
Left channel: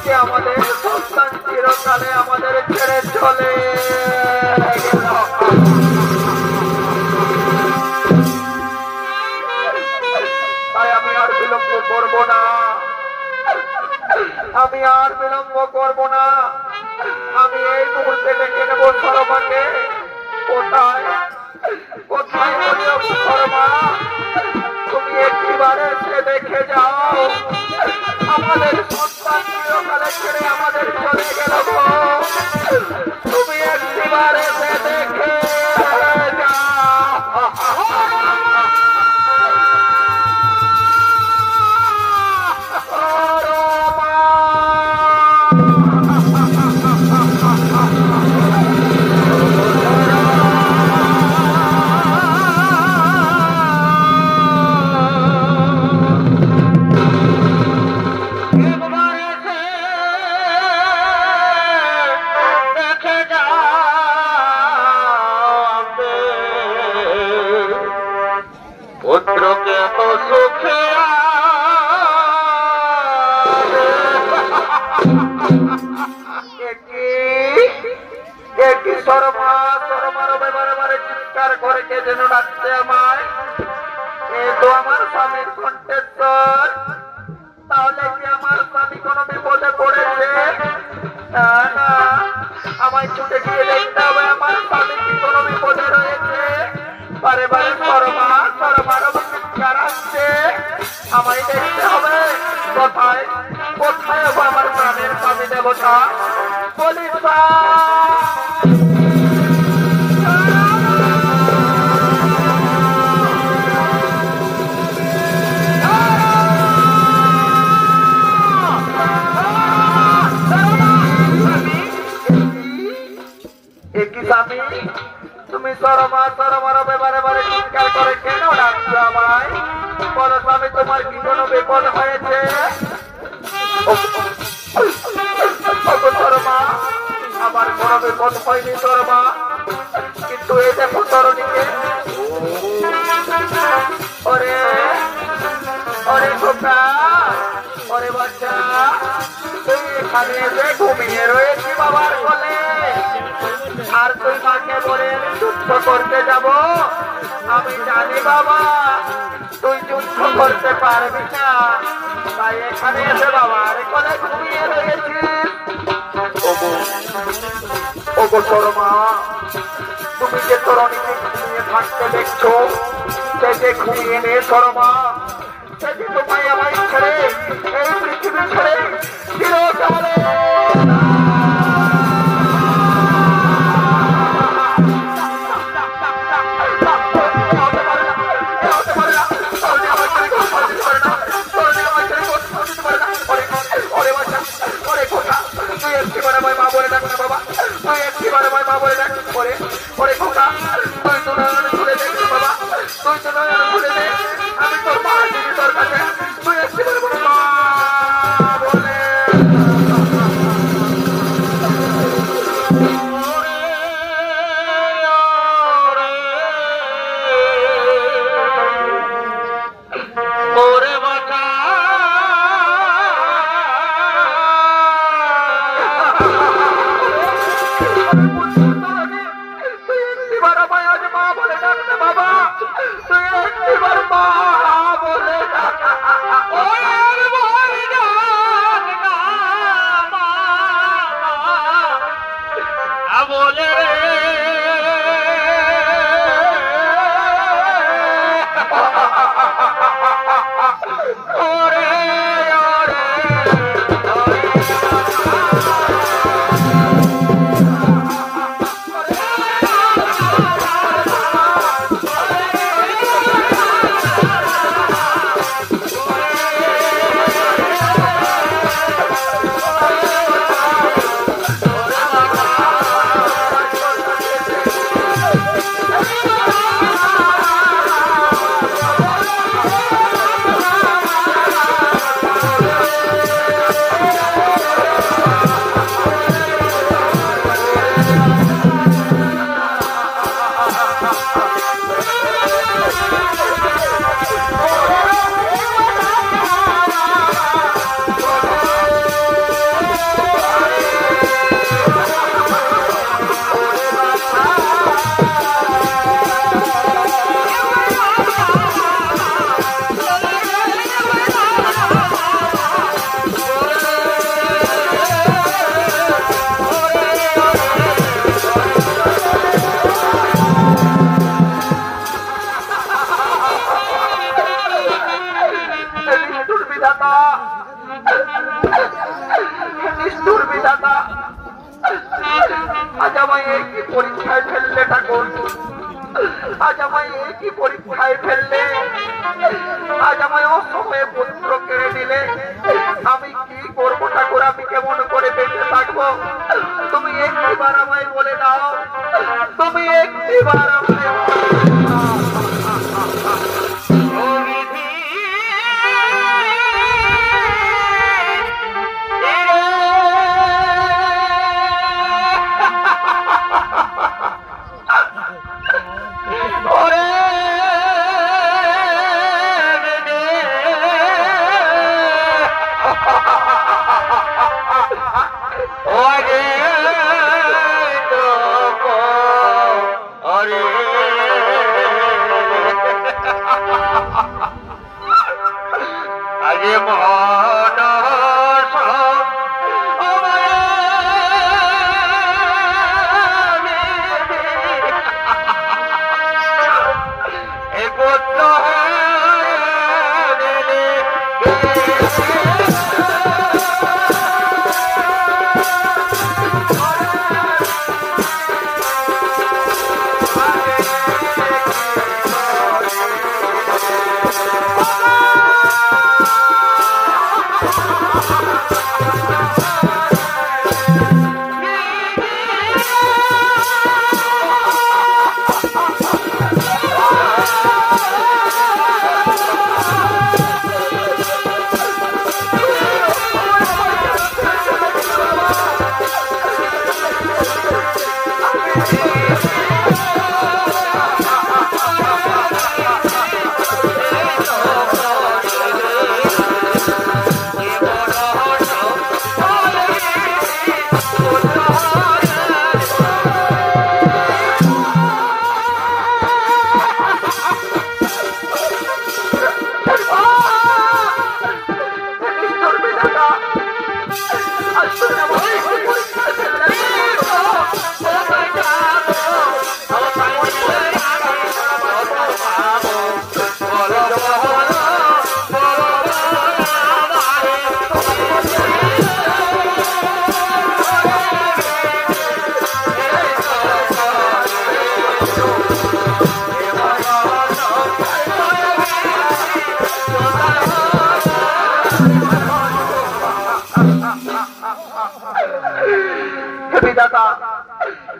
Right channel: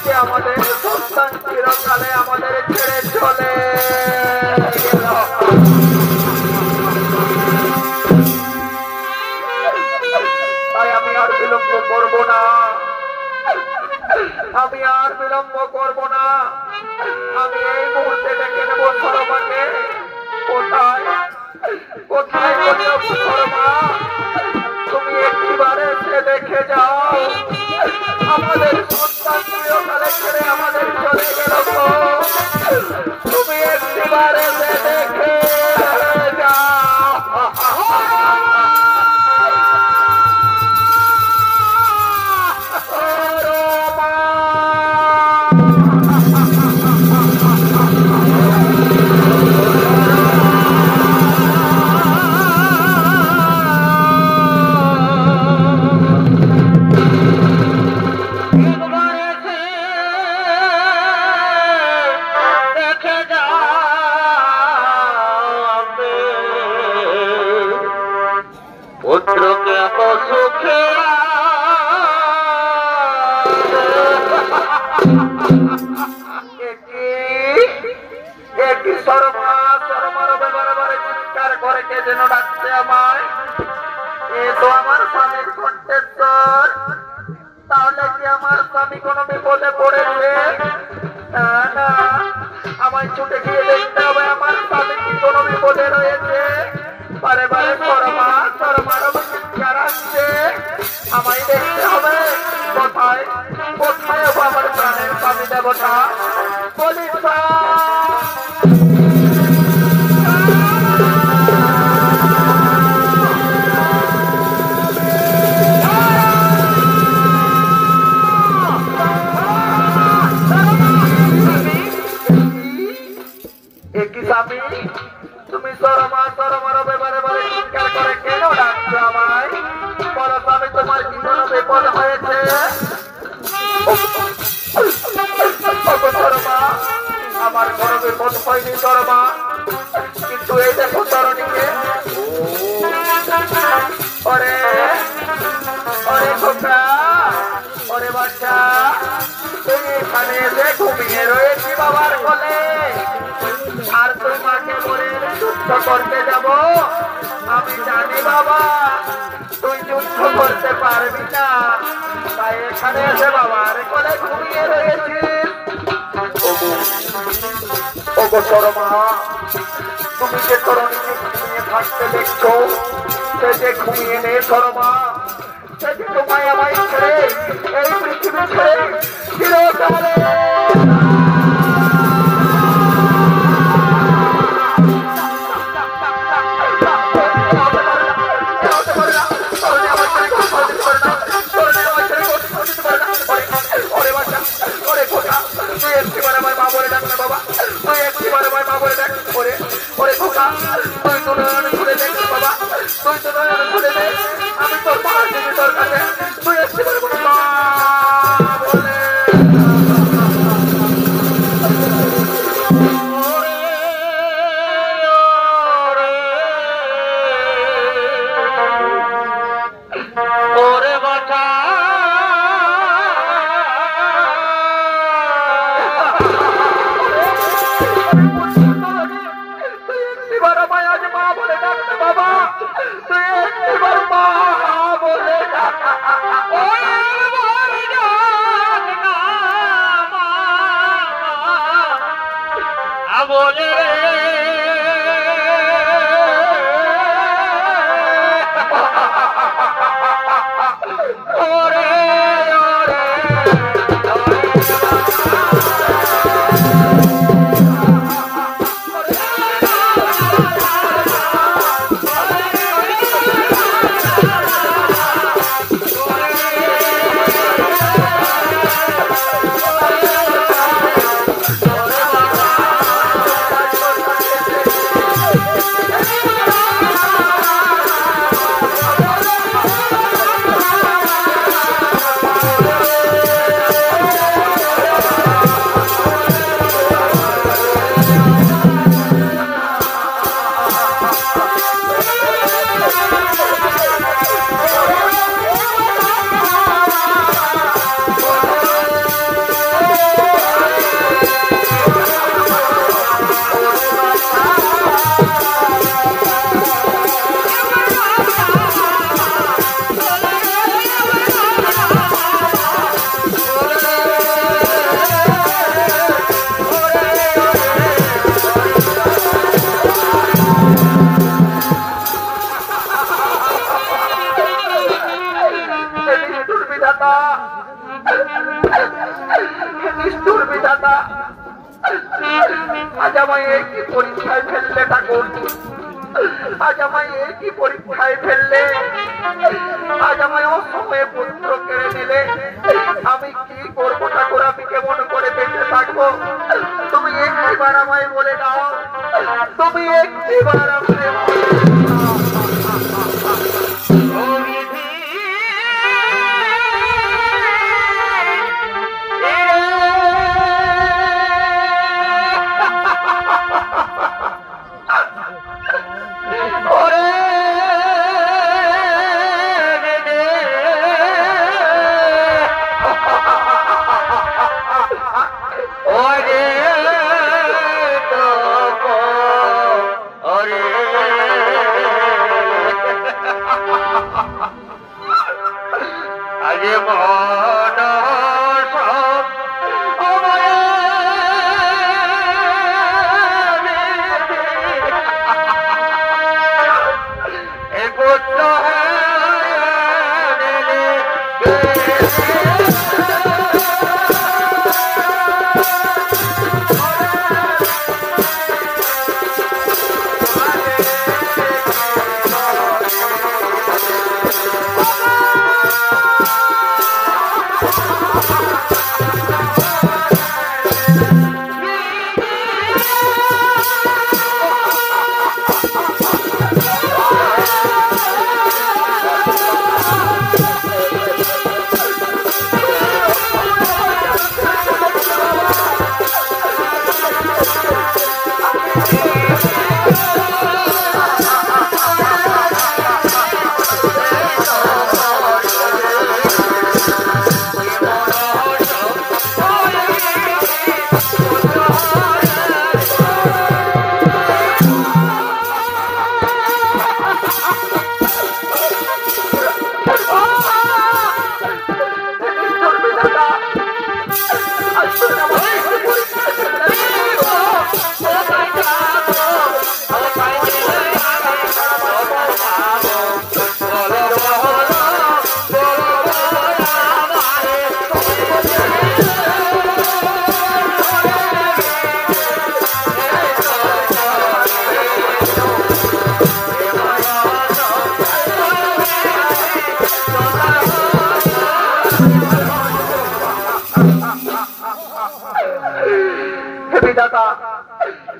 যে আমাদের সন্তান চিরকালে আমাদের ছেড়ে চলে গেল। তাই আমি আর বিলম্ব করব না। আমি আর বিলম্ব করব না। আমি এই মুহূর্তে ডেকে নেব সরমাকে। কোথায় কোথায় বলিও সরমা, তুমি একটিবার এসে দেখে যাও আমাদের সন্তান চিরকালে ছেড়ে আমাদের চলে গেল। তুমি একটিবার এসে দেখে যাও। পুত্রকে তো সুখে সরমা সরমার বারে চিৎকার করে কে যেন ডাকছে আমায়। এ তো আমার স্বামীর কণ্ঠেশ্বর। তাহলে কি আমার স্বামী কোনো বিপদে পড়েছে? আমায় ছুটে গিয়ে দেখতে হবে আমার স্বামী কি কোনো বিপদে রয়েছে। বারে বারে সরমা সরমার চিৎকার আসছে। আমায় দেখতে হবে কোথায় কোথায় আমার প্রাণের স্বামী দেবতা। বলি স্বামী, তুমি সরমা সরমার ব্যাপারে বারে চিৎকার করে কেন ডাকছো আমায়? বলো স্বামী, তোমার কি কোনো বিপদ হয়েছে? সরমা, আমার কোনো বিপদ হয়নি সরমা। কিন্তু এই দেখো তরণীকে। ওরে ওরে খোকা, ওরে বাচ্চা, তুমি এখানে এসে ঘুমিয়ে রয়েছি বাবার কোলে। আর তুই মাকে বলে যুদ্ধ করতে যাব? আমি জানি বাবা তুই যুদ্ধ করতে পারবি না, তাই এখানে এসে বাবার কোলে ঘুমিয়ে রয়েছিস। ওগো সরমা, তুমি যে তরণীকে ঘুমিয়ে থাকতে দেখছো, সে যে ঘুমিয়ে নেই সরমা। সে যে তোমায় আমায় ছেড়ে এই পৃথিবী ছেড়ে চিরকালে মা বলে ডাক না বাবা, তুই একটিবারে মা বলে ডাক। ওরে খোকা, তুই তো ঘুরে দেখ বাবা, তুই তো ঘুরে দেখ। আমি তোর মা দিদি তোর কাছে, তুই একটিবারে মা বলে। বাবা তুই একবার মা বলে বিধাতা, নিষ্ঠুর বিধাতা, আজ আমায় এই কি পরীক্ষায় ফেললে ঠাকুর, আজ আমায় এই কি পরীক্ষায় ফেললে, আজ আমায় অসময়ে পুত্র কেড়ে দিলে। আমি কি করবো ঠাকুর, আমি কেমন করে বেঁচে থাকবো? তুমি একটিবার আমায় বলে দাও, তুমি একটিবার আমায়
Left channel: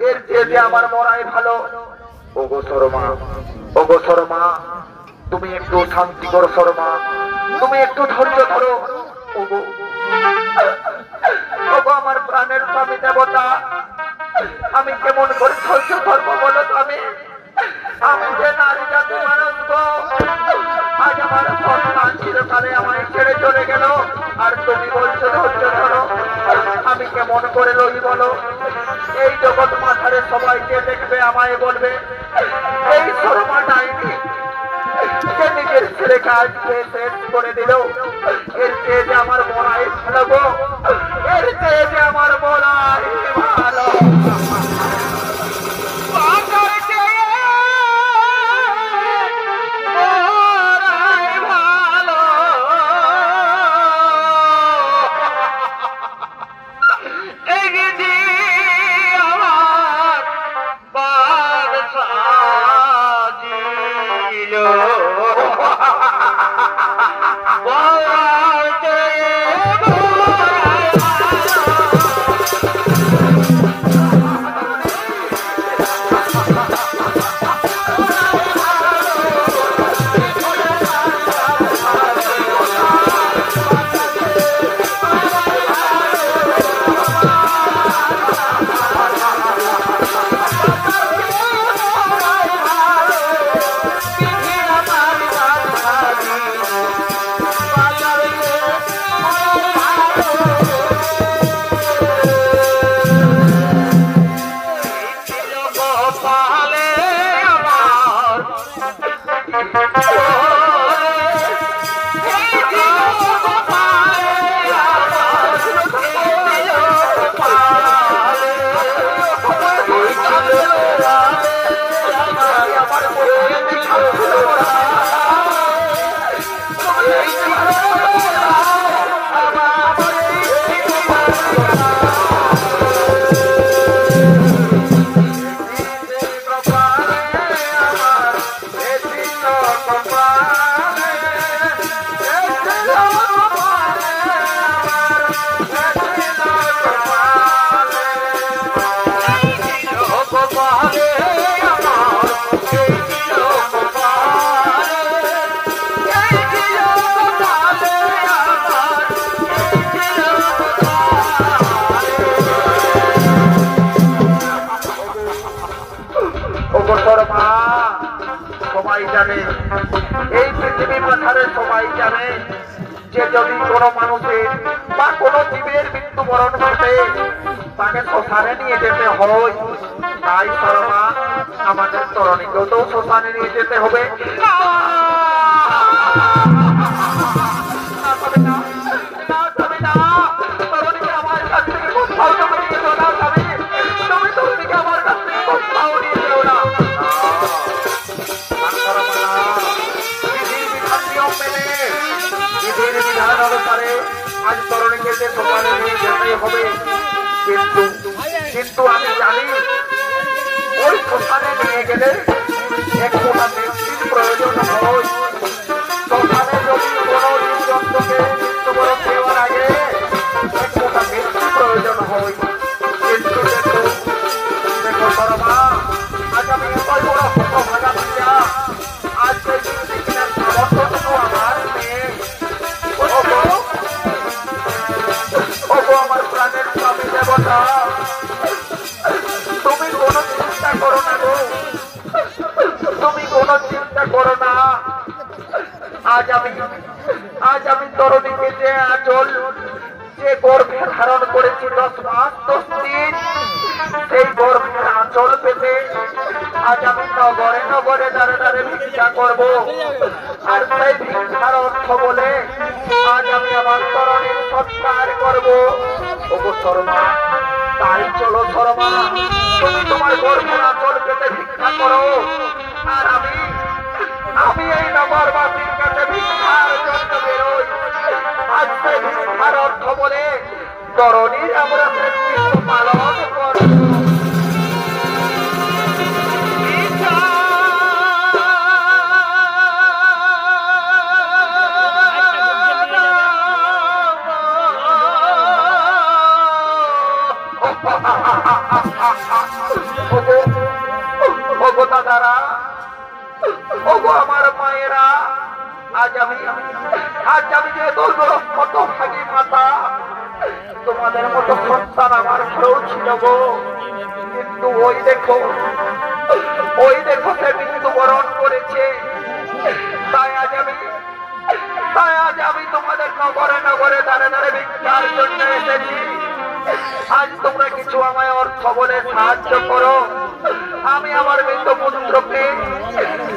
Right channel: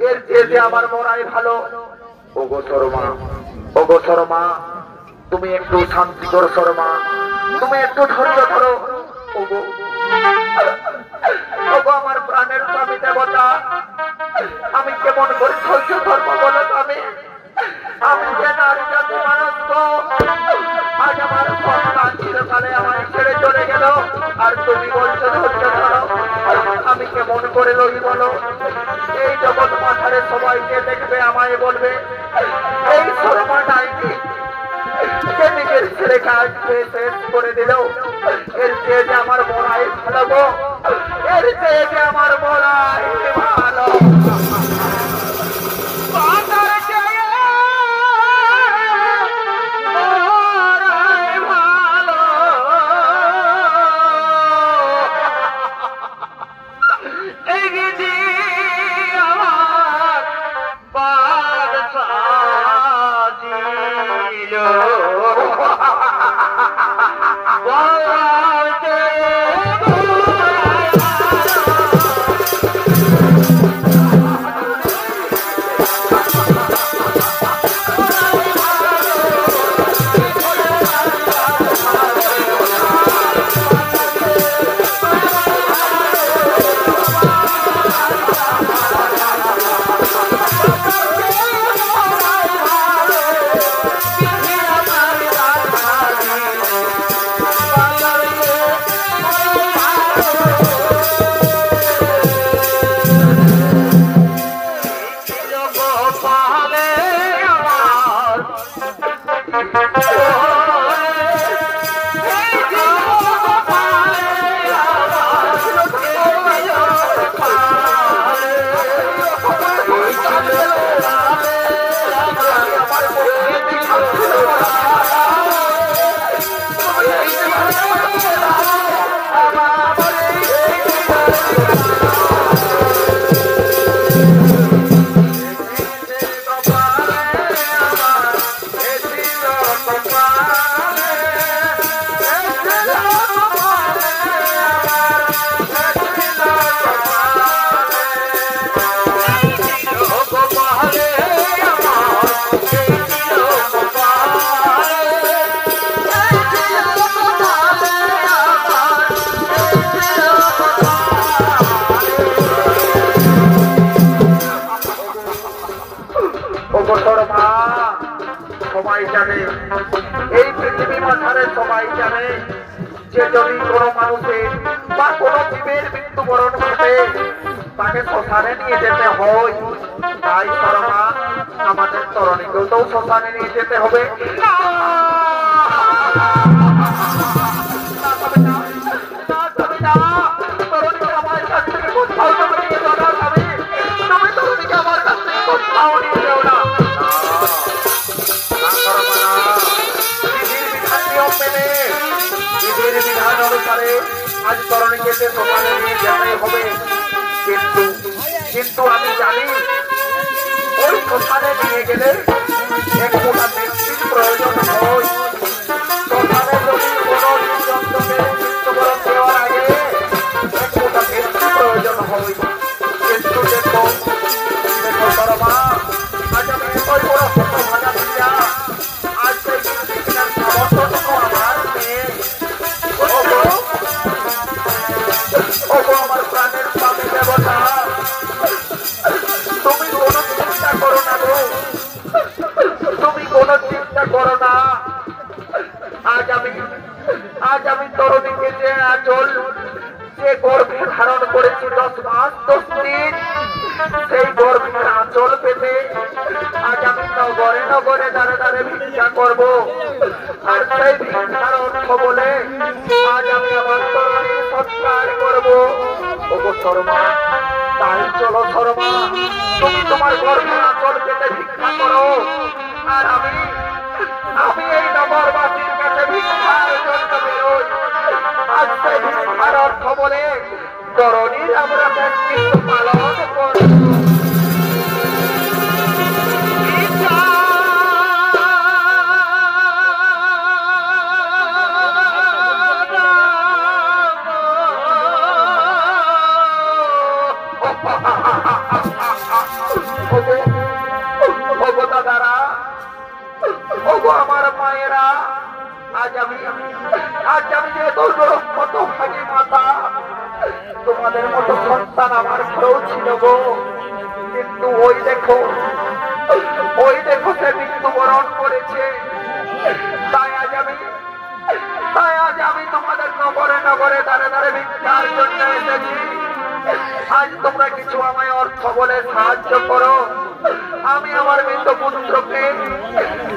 এর চেয়ে আমার মরাই ভালো। ওগো শর্মা, ওগো শর্মা, তুমি একটু শান্তি করো শর্মা, তুমি একটু ধৈর্য ধরো। ওগো ওগো আমার প্রাণের স্বামী দেবতা, আমি কেমন করে ধৈর্য ধরবো বলো তুমি? আমি যে নারী জাতি মানুষ গো, আজ আমার সন্তান চিরকালে আমায় ছেড়ে চলে গেল, আর তুমি বলছো ধৈর্য ধরো। আমি কেমন করে রই বলো? এই জগৎ মাথারে সবাইকে দেখবে, আমায় বলবে এই শর্মাটাই সে নিজের ছেলেকে আজকে শেষ করে দিল। এর চেয়ে যে আমার মরাই ভালো গো, এর চেয়ে যে আমার মরাই ভালো। Oh, মাথারে সবাই জানে যে যদি কোনো মানুষের বা কোনো জীবের মৃত্যুবরণ ঘটে তাকে শ্মশানে নিয়ে যেতে হয়। তাই শর্মা আমাদের তরণীকেও তো শ্মশানে নিয়ে যেতে হবে। বিধান অনুসারে আজ তরণীকে শ্মশানে নিয়ে যেতে হবে। কিন্তু আমি জানি ওই শ্মশানে নিয়ে গেলে একটু ব্যক্তির প্রয়োজন হয়। শ্মশানে যদি কোনো জীবজন্তুকে মৃত্যুবরণ দেওয়ার আগে একটু ব্যক্তির প্রয়োজন হয়। কিন্তু দেখো শর্মা, আজ আমি এতই বড় হতভাগা দিয়া আজ সেই সামর্থ্যটুকু আমার নেই। আমার প্রাণের স্বামী দেবতা, তুমি কোনো চিন্তা করো না গো, তুমি কোনো চিন্তা করো না। আজ আমি তরণীকে যে আঁচল যে গর্ভে ধারণ করেছি 10 মাস 10 দিন, সেই গর্ভের আঁচল পেতে আজ আমি নগরে নগরে দাঁড়ে দাঁড়ে ভিক্ষা করবো। আর সেই ভিক্ষার অর্থ বলে আজ আমি আমার তরণীর সৎকার করবো। ওগো শর্মা, তাই চলো শর্মা, তুমি তোমার গর্ভের আঁচল পেতে ভিক্ষা করো। আর আমি এই নগরবাসীর কাছে ভিক্ষার জন্য বেরোই। আজ সেই ভিক্ষার অর্থ বলে তরণীর আমরা ব্যক্তিত্ব পালন করব। ওগো দাদারা, ওগো আমার মায়েরা, আজ আমি যে কত ভাগী মাতা, তোমাদের মতো সন্তান আমার ঘরেও ছিল গো। কিন্তু ওই দেখো সে মৃত্যুবরণ করেছে। তাই আজ আমি তোমাদের নগরে নগরে দাঁড়ে দাঁড়ে ভিক্ষার জন্য এসেছি। আজ তোমরা কিছু আমায় অর্থ বলে সাহায্য করো। আমি আমার মৃত পুত্রকে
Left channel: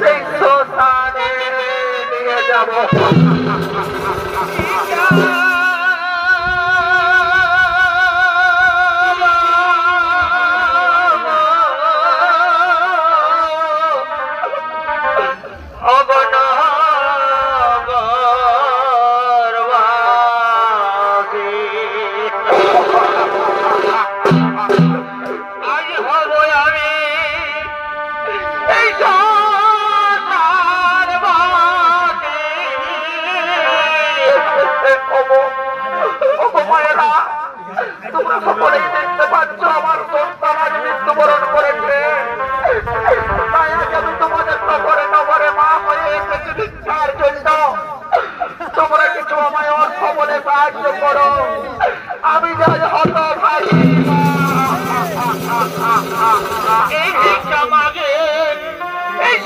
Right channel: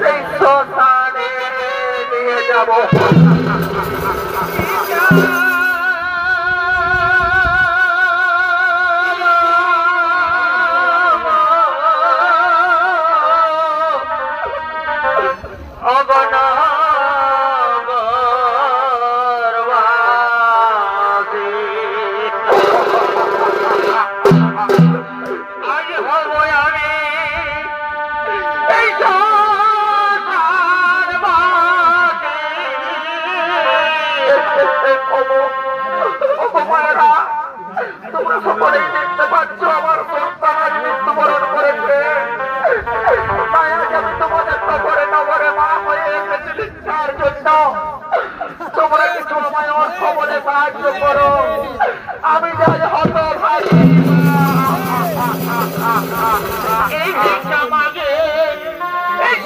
সেই শ্মশানে নিয়ে যাব। তোমরা সকলেই দেখতে পাচ্ছ আমার সন্তান আজ মৃত্যুবরণ করেছে। তাই আজ আমি তোমাদের নগরে নগরে মা হয়ে এসেছি ভিক্ষার জন্য। তোমরা কিছু আমায় অর্থ বলে সাহায্য করো। আমি যাই হতভাগী এই ভিক্ষা মাগে এই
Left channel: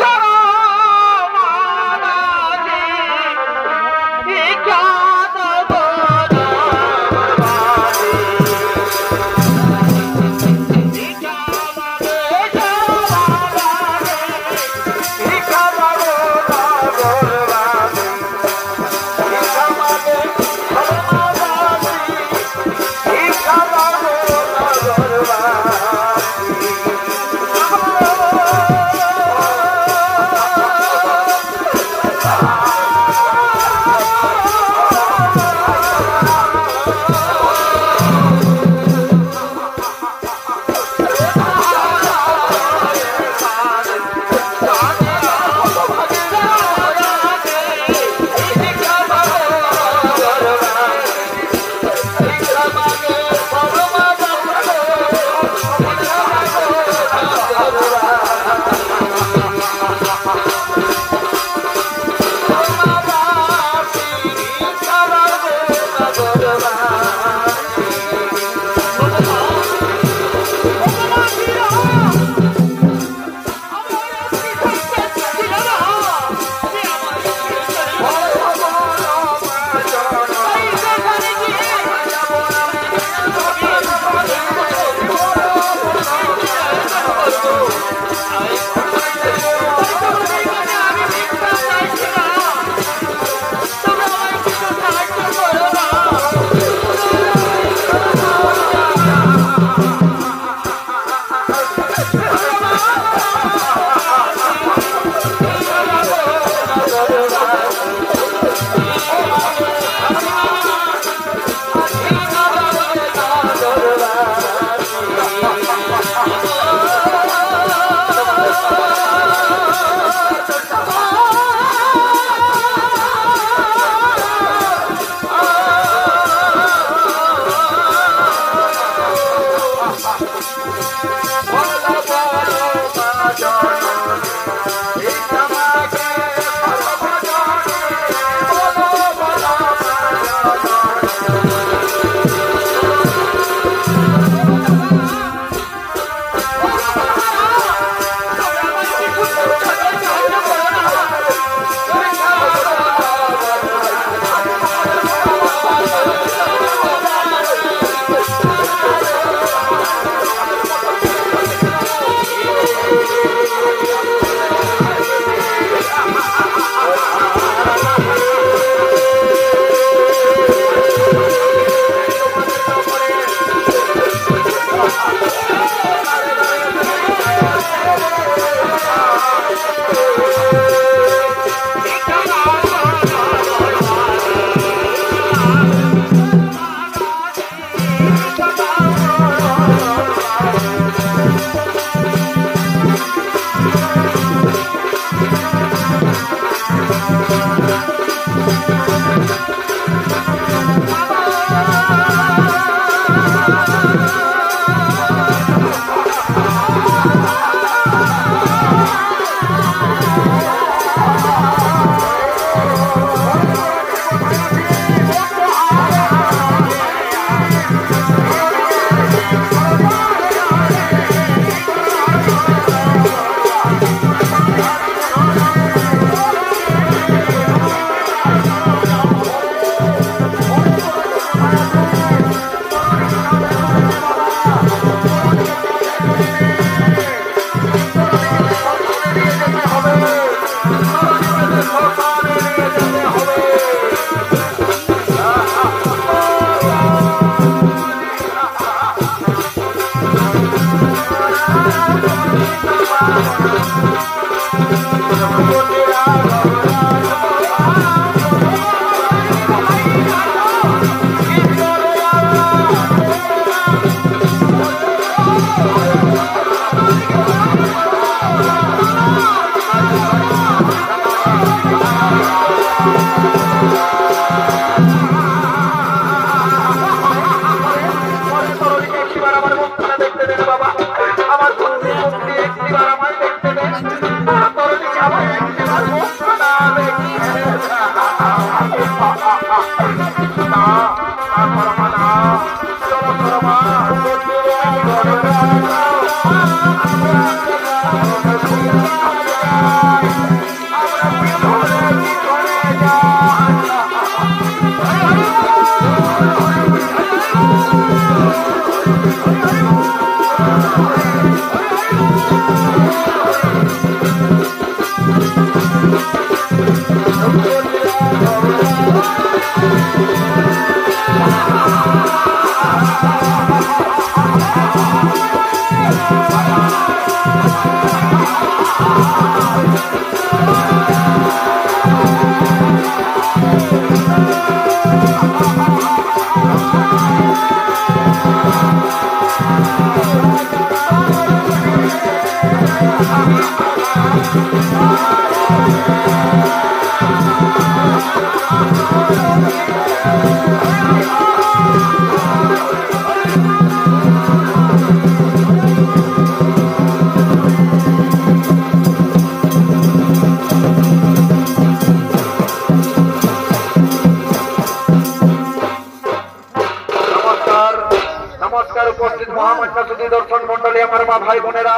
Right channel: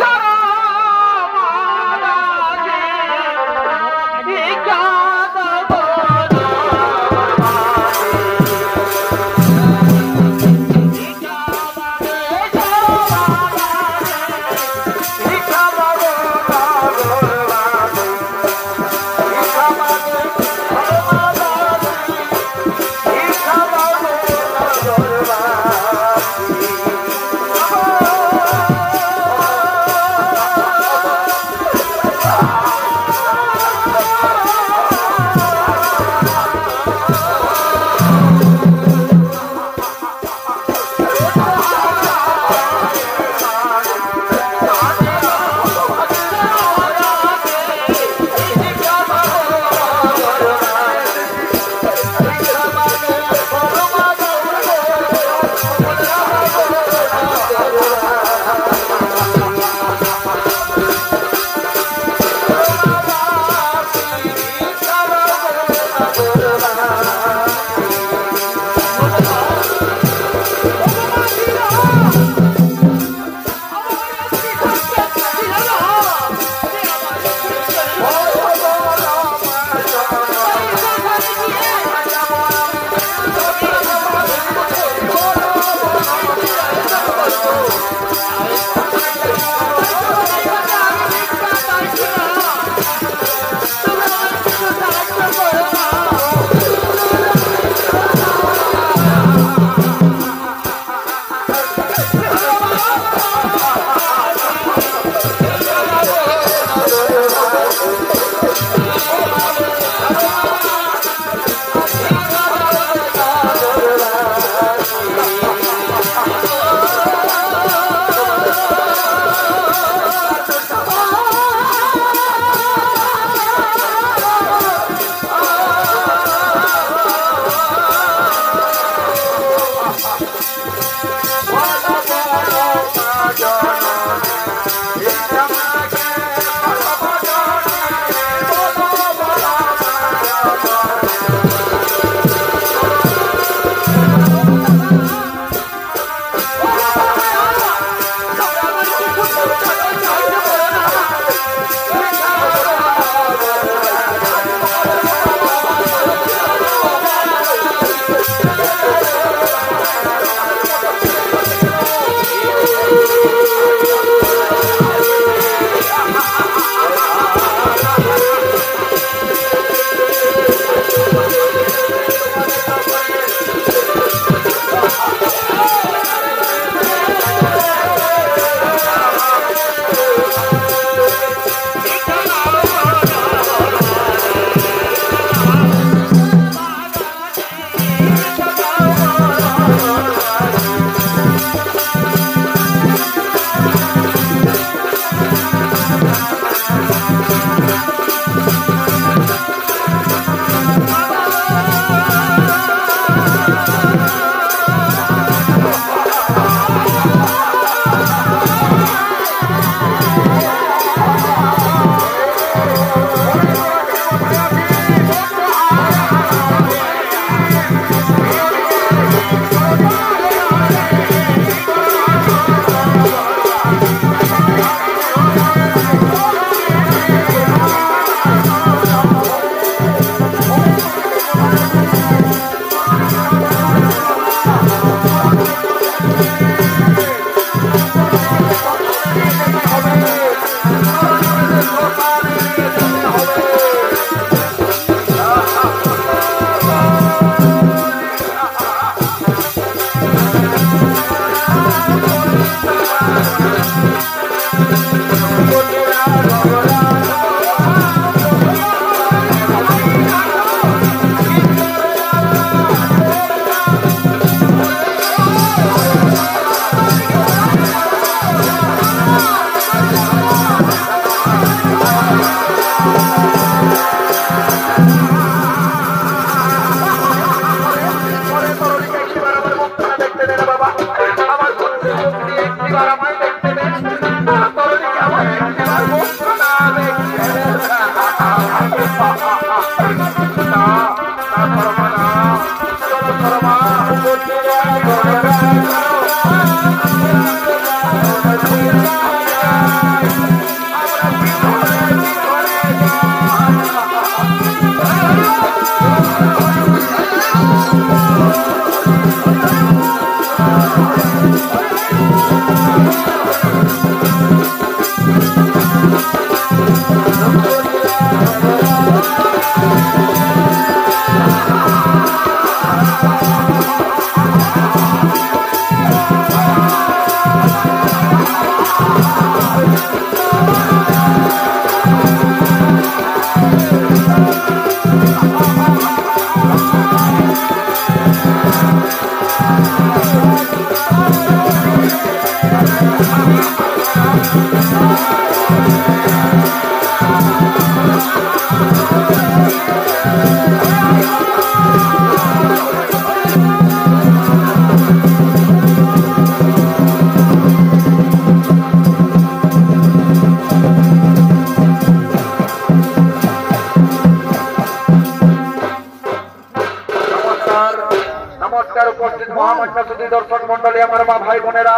দর্শক মন্ডলী আমার মা ভাই বোনেরা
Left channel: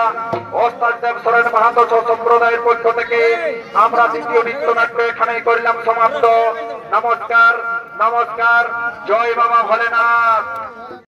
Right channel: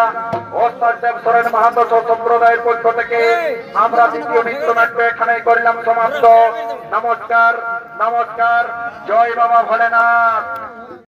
ওস্তাদ দেব সরেন মাহাতো সম্প্রদায়ের পক্ষ থেকে আমরা দ্বিতীয় নৃত্যনাট্য এখানেই করলাম সমাপ্ত। নমস্কার, নমস্কার, জয় বাবা ভোলেনাথ।